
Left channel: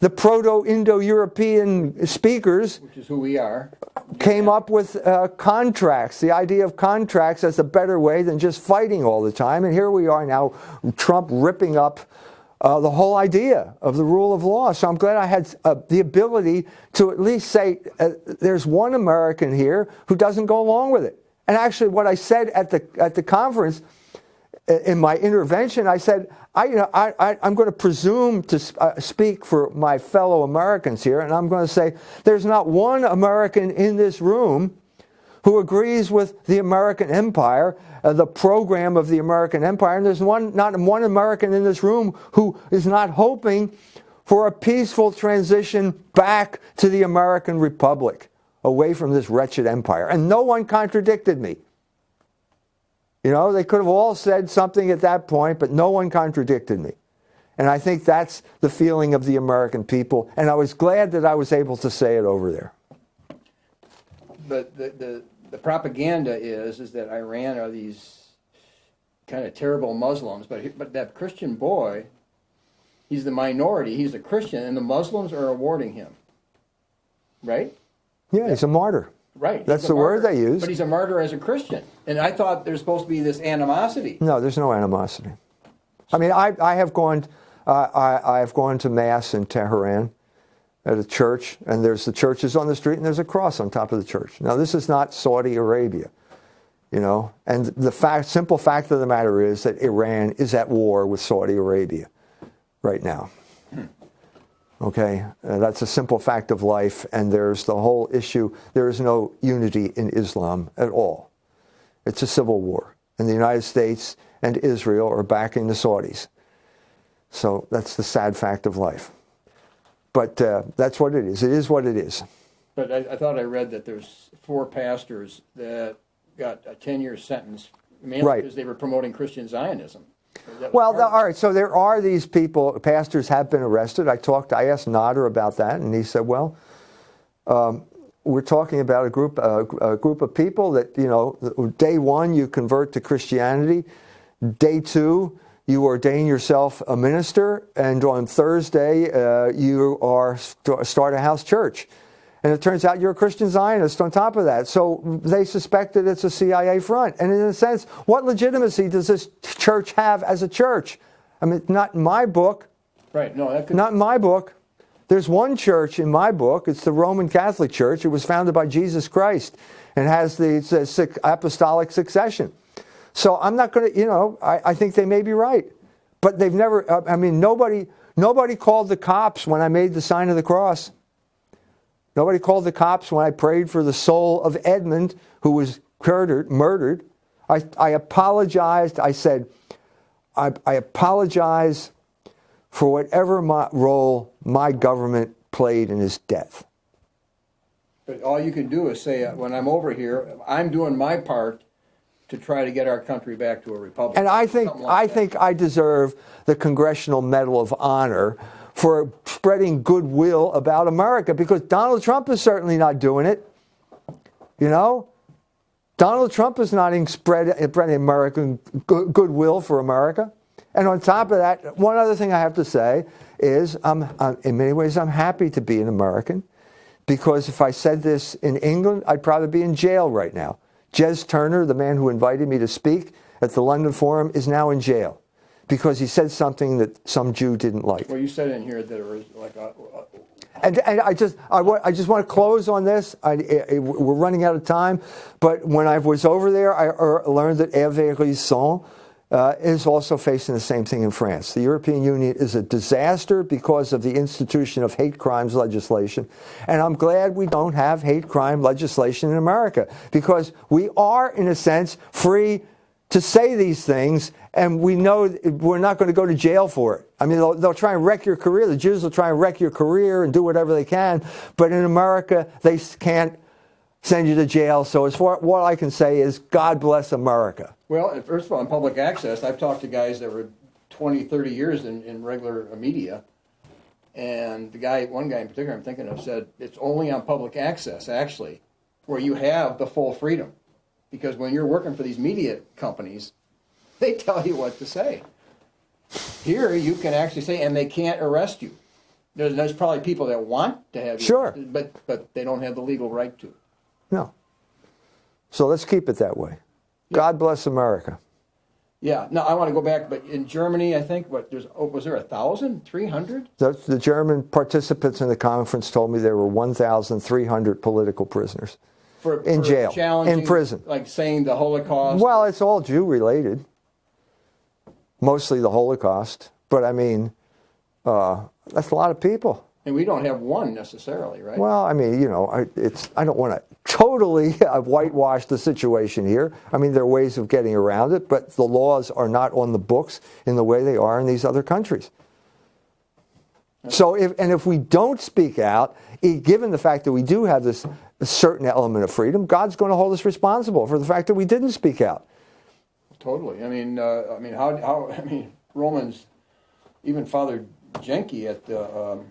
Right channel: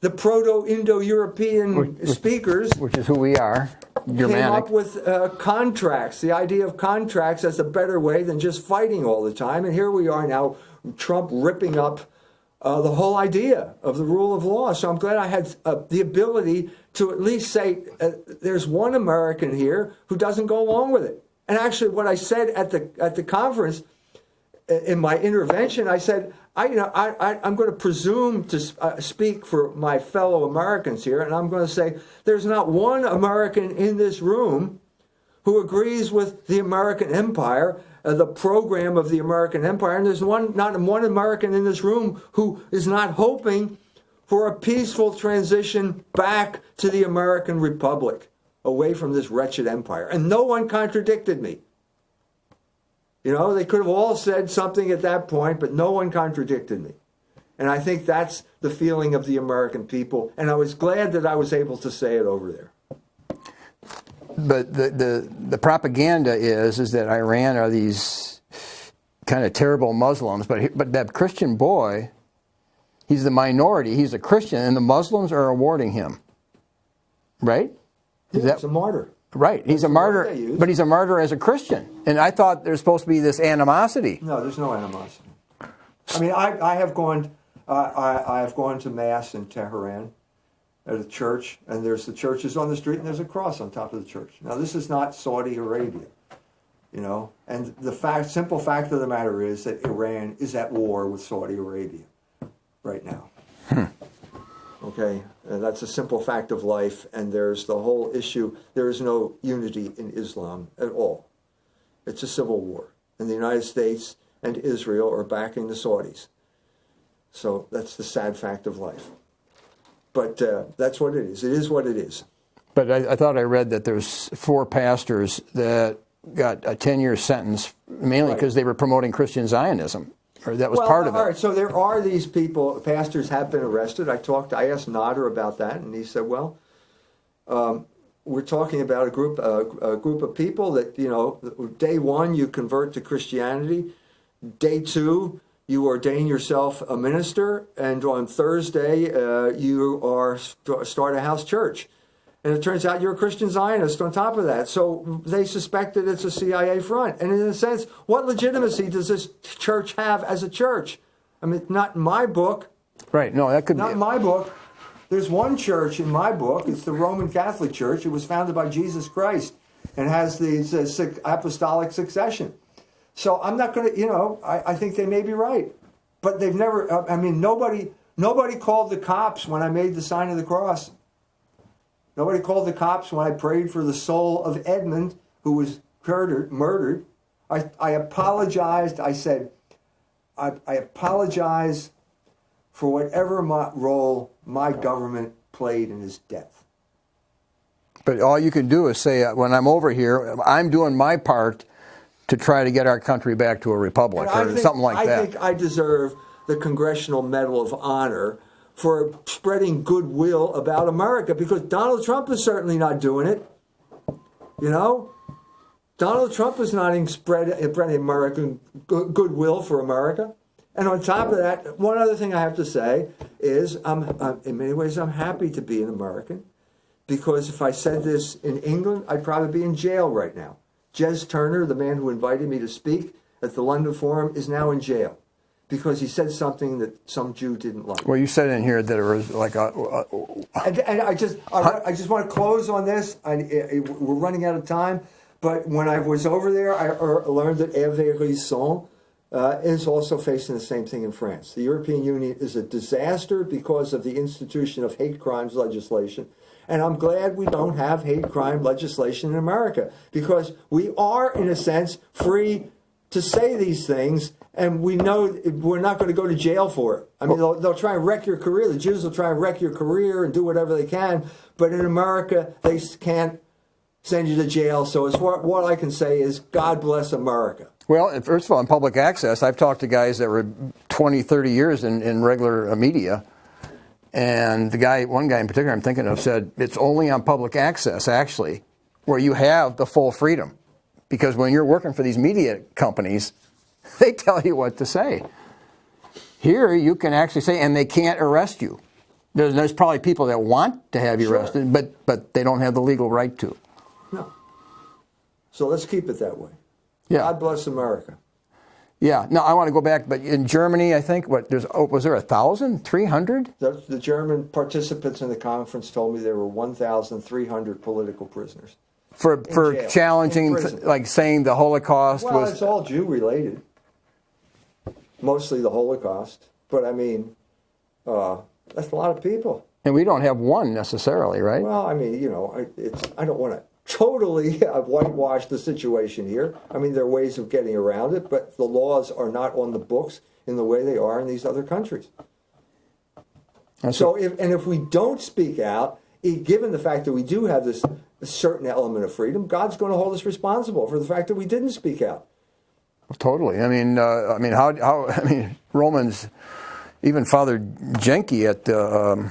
the Proto-Indo-European speakers, which is who we are, came up with contracts, the idea of contracts as a better way than just fighting all the time. And here we are now, Trump ripping up the whole idea of the rule of law. So I'm glad I had the ability to at least say there's one American here who doesn't go along with it. And actually what I said at the conference, in my intervention, I said, I'm going to presume to speak for my fellow Americans here, and I'm going to say there's not one American in this room who agrees with the American empire, the program of the American empire, and there's not one American in this room who is not hoping for a peaceful transition back to the American Republic, away from this wretched empire. And no one contradicted me. They could have all said something at that point, but no one contradicted me. And I think that's the feeling of the American people. And I was glad that I was able to say it over there. But the propaganda is that Iran are these kind of terrible Muslims. But that Christian boy, he's the minority. He's a Christian, and the Muslims are awarding him. Right? Yeah, he's a martyr. Right. That's he's a the martyr, word they use. But he's a martyr as a Christian. And I thought there's supposed to be this animosity. No, there's no animosity. I mean, I have gone to Mass in Tehran at a church, and there's the churches on the street, and there's a cross on top of the church. Now, this is not Saudi Arabia, and the simple fact of the matter is that Iran is at war with Saudi Arabia right now. Okay, that's a simple fact of life, and there's the whole issue. There is no unity in Islam at all. It's a civil war, and the United States and Israel are backing the Saudis. So that's the sad fact of life. But that's what it is. It is what it is. But I thought I read that there's 4 pastors that got a 10-year sentence, mainly because they were promoting Christian Zionism. Or that was part of it. All right, so there are these people, pastors have been arrested. I asked Nader about that, and he said, well, we're talking about a group of people that, day one, you convert to Christianity. Day 2, you ordain yourself a minister, and on Thursday, you start a house church. And it turns out you're a Christian Zionist on top of that. So they suspect that it's a CIA front. And in a sense, what legitimacy does this church have as a church? I mean, not in my book. Right. No, that could not in my book. There's one church in my book. It's the Roman Catholic Church. It was founded by Jesus Christ and has the apostolic succession. So I'm not going to, I think they may be right. But they've never, nobody called the cops when I made the sign of the cross. Nobody called the cops when I prayed for the soul of Edmund, who was murdered. I apologized. I said, I apologize for whatever role my government played in his death. But all you can do is say, when I'm over here, I'm doing my part to try to get our country back to a republic or something like that. I think I deserve the Congressional Medal of Honor for spreading goodwill about America, because Donald Trump is certainly not doing it. Donald Trump is not spreading American goodwill for America. And on top of that, one other thing I have to say is, in many ways, I'm happy to be an American, because if I said this in England, I'd probably be in jail right now. Jez Turner, the man who invited me to speak at the London Forum, is now in jail because he said something that some Jew didn't like. Well, you said in here that it was like And I just want to close on this. We're running out of time, but when I was over there, I learned that Hervé Risson is also facing the same thing in France. The European Union is a disaster because of the institution of hate crimes legislation. And I'm glad we don't have hate crime legislation in America, because we are, in a sense, free to say these things, and we know we're not going to go to jail for it. I mean, they'll try and wreck your career. The Jews will try and wreck your career and do whatever they can. But in America, they can't send you to jail. So what I can say is, God bless America. Well, first of all, in public access, I've talked to guys that were 20, 30 years in regular media. And one guy in particular I'm thinking of said, it's only on public access, actually, where you have the full freedom. Because when you're working for these media companies, they tell you what to say. Here, you can actually say, and they can't arrest you. There's probably people that want to have you arrested, but they don't have the legal right to. No. So let's keep it that way. Yeah. God bless America. Yeah. Now, I want to go back, but in Germany, I think, was there 1,000, 300? The German participants in the conference told me there were 1,300 political prisoners. For jail, challenging, like saying the Holocaust Well, was... it's all Jew-related. Mostly the Holocaust. But, I mean, that's a lot of people. And we don't have one necessarily, right? Well, I mean, you know, I don't want to totally whitewash the situation here. I mean, there are ways of getting around it, but the laws are not on the books in the way they are in these other countries. So, if we don't speak out, given the fact that we do have this certain element of freedom, God's going to hold us responsible for the fact that we didn't speak out. Totally. I mean, Romans, even Father Jenkins at the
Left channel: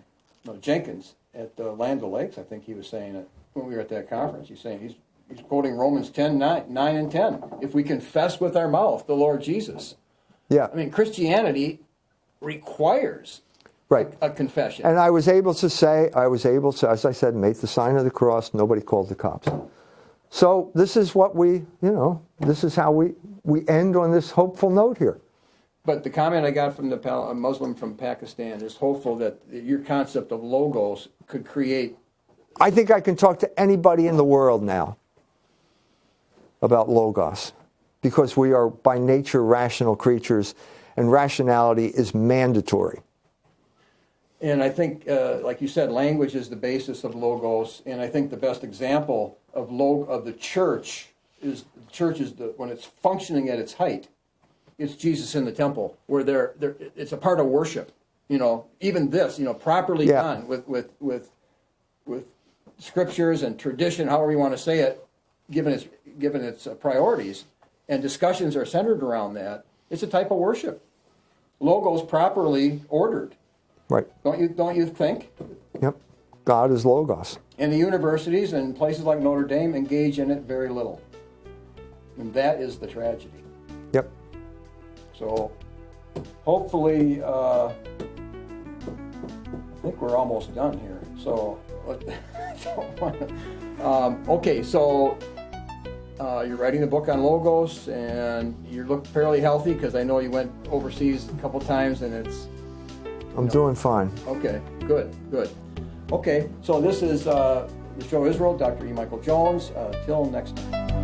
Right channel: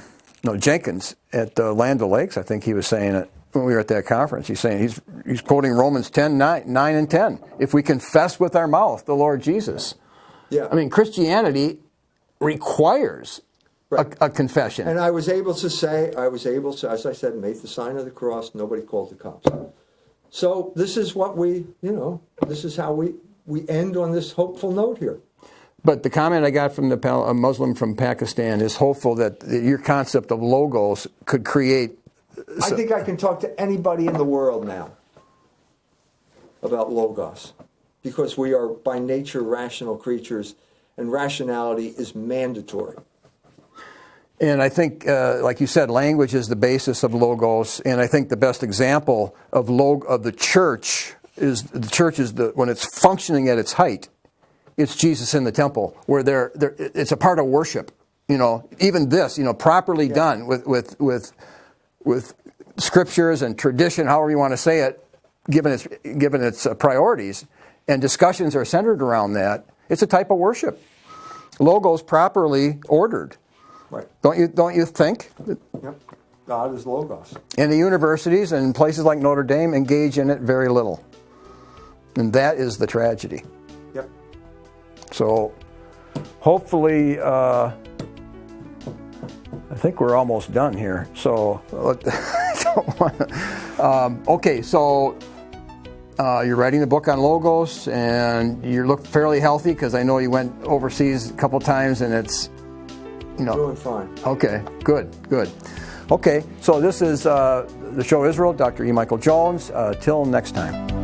Land O'Lakes, I think he was saying it when we were at that conference. He's saying he's quoting Romans 10, 9 and 10. If we confess with our mouth the Lord Jesus. Yeah. I mean, Christianity requires a confession. And I was able to, as I said, make the sign of the cross. Nobody called the cops. So this is what this is how we end on this hopeful note here. But the comment I got from a Muslim from Pakistan is hopeful that your concept of logos could create... I think I can talk to anybody in the world now about logos, because we are by nature rational creatures, and rationality is mandatory. And I think, like you said, language is the basis of logos. And I think the best example of the church is when it's functioning at its height. It's Jesus in the temple, where it's a part of worship. You know, even this, properly done with scriptures and tradition, however you want to say it, given its priorities, and discussions are centered around that. It's a type of worship. Logos properly ordered. Right. Don't you think? Yep. God is logos. And the universities and places like Notre Dame engage in it very little. And that is the tragedy. Yep. So hopefully, I think we're almost done here. So I don't want to. Okay, so you're writing a book on logos, and you look fairly healthy, because I know you went overseas a couple times, and it's... I'm doing fine. Okay, good. Okay, so this is the show Israel, Dr. E. Michael Jones. Till next time.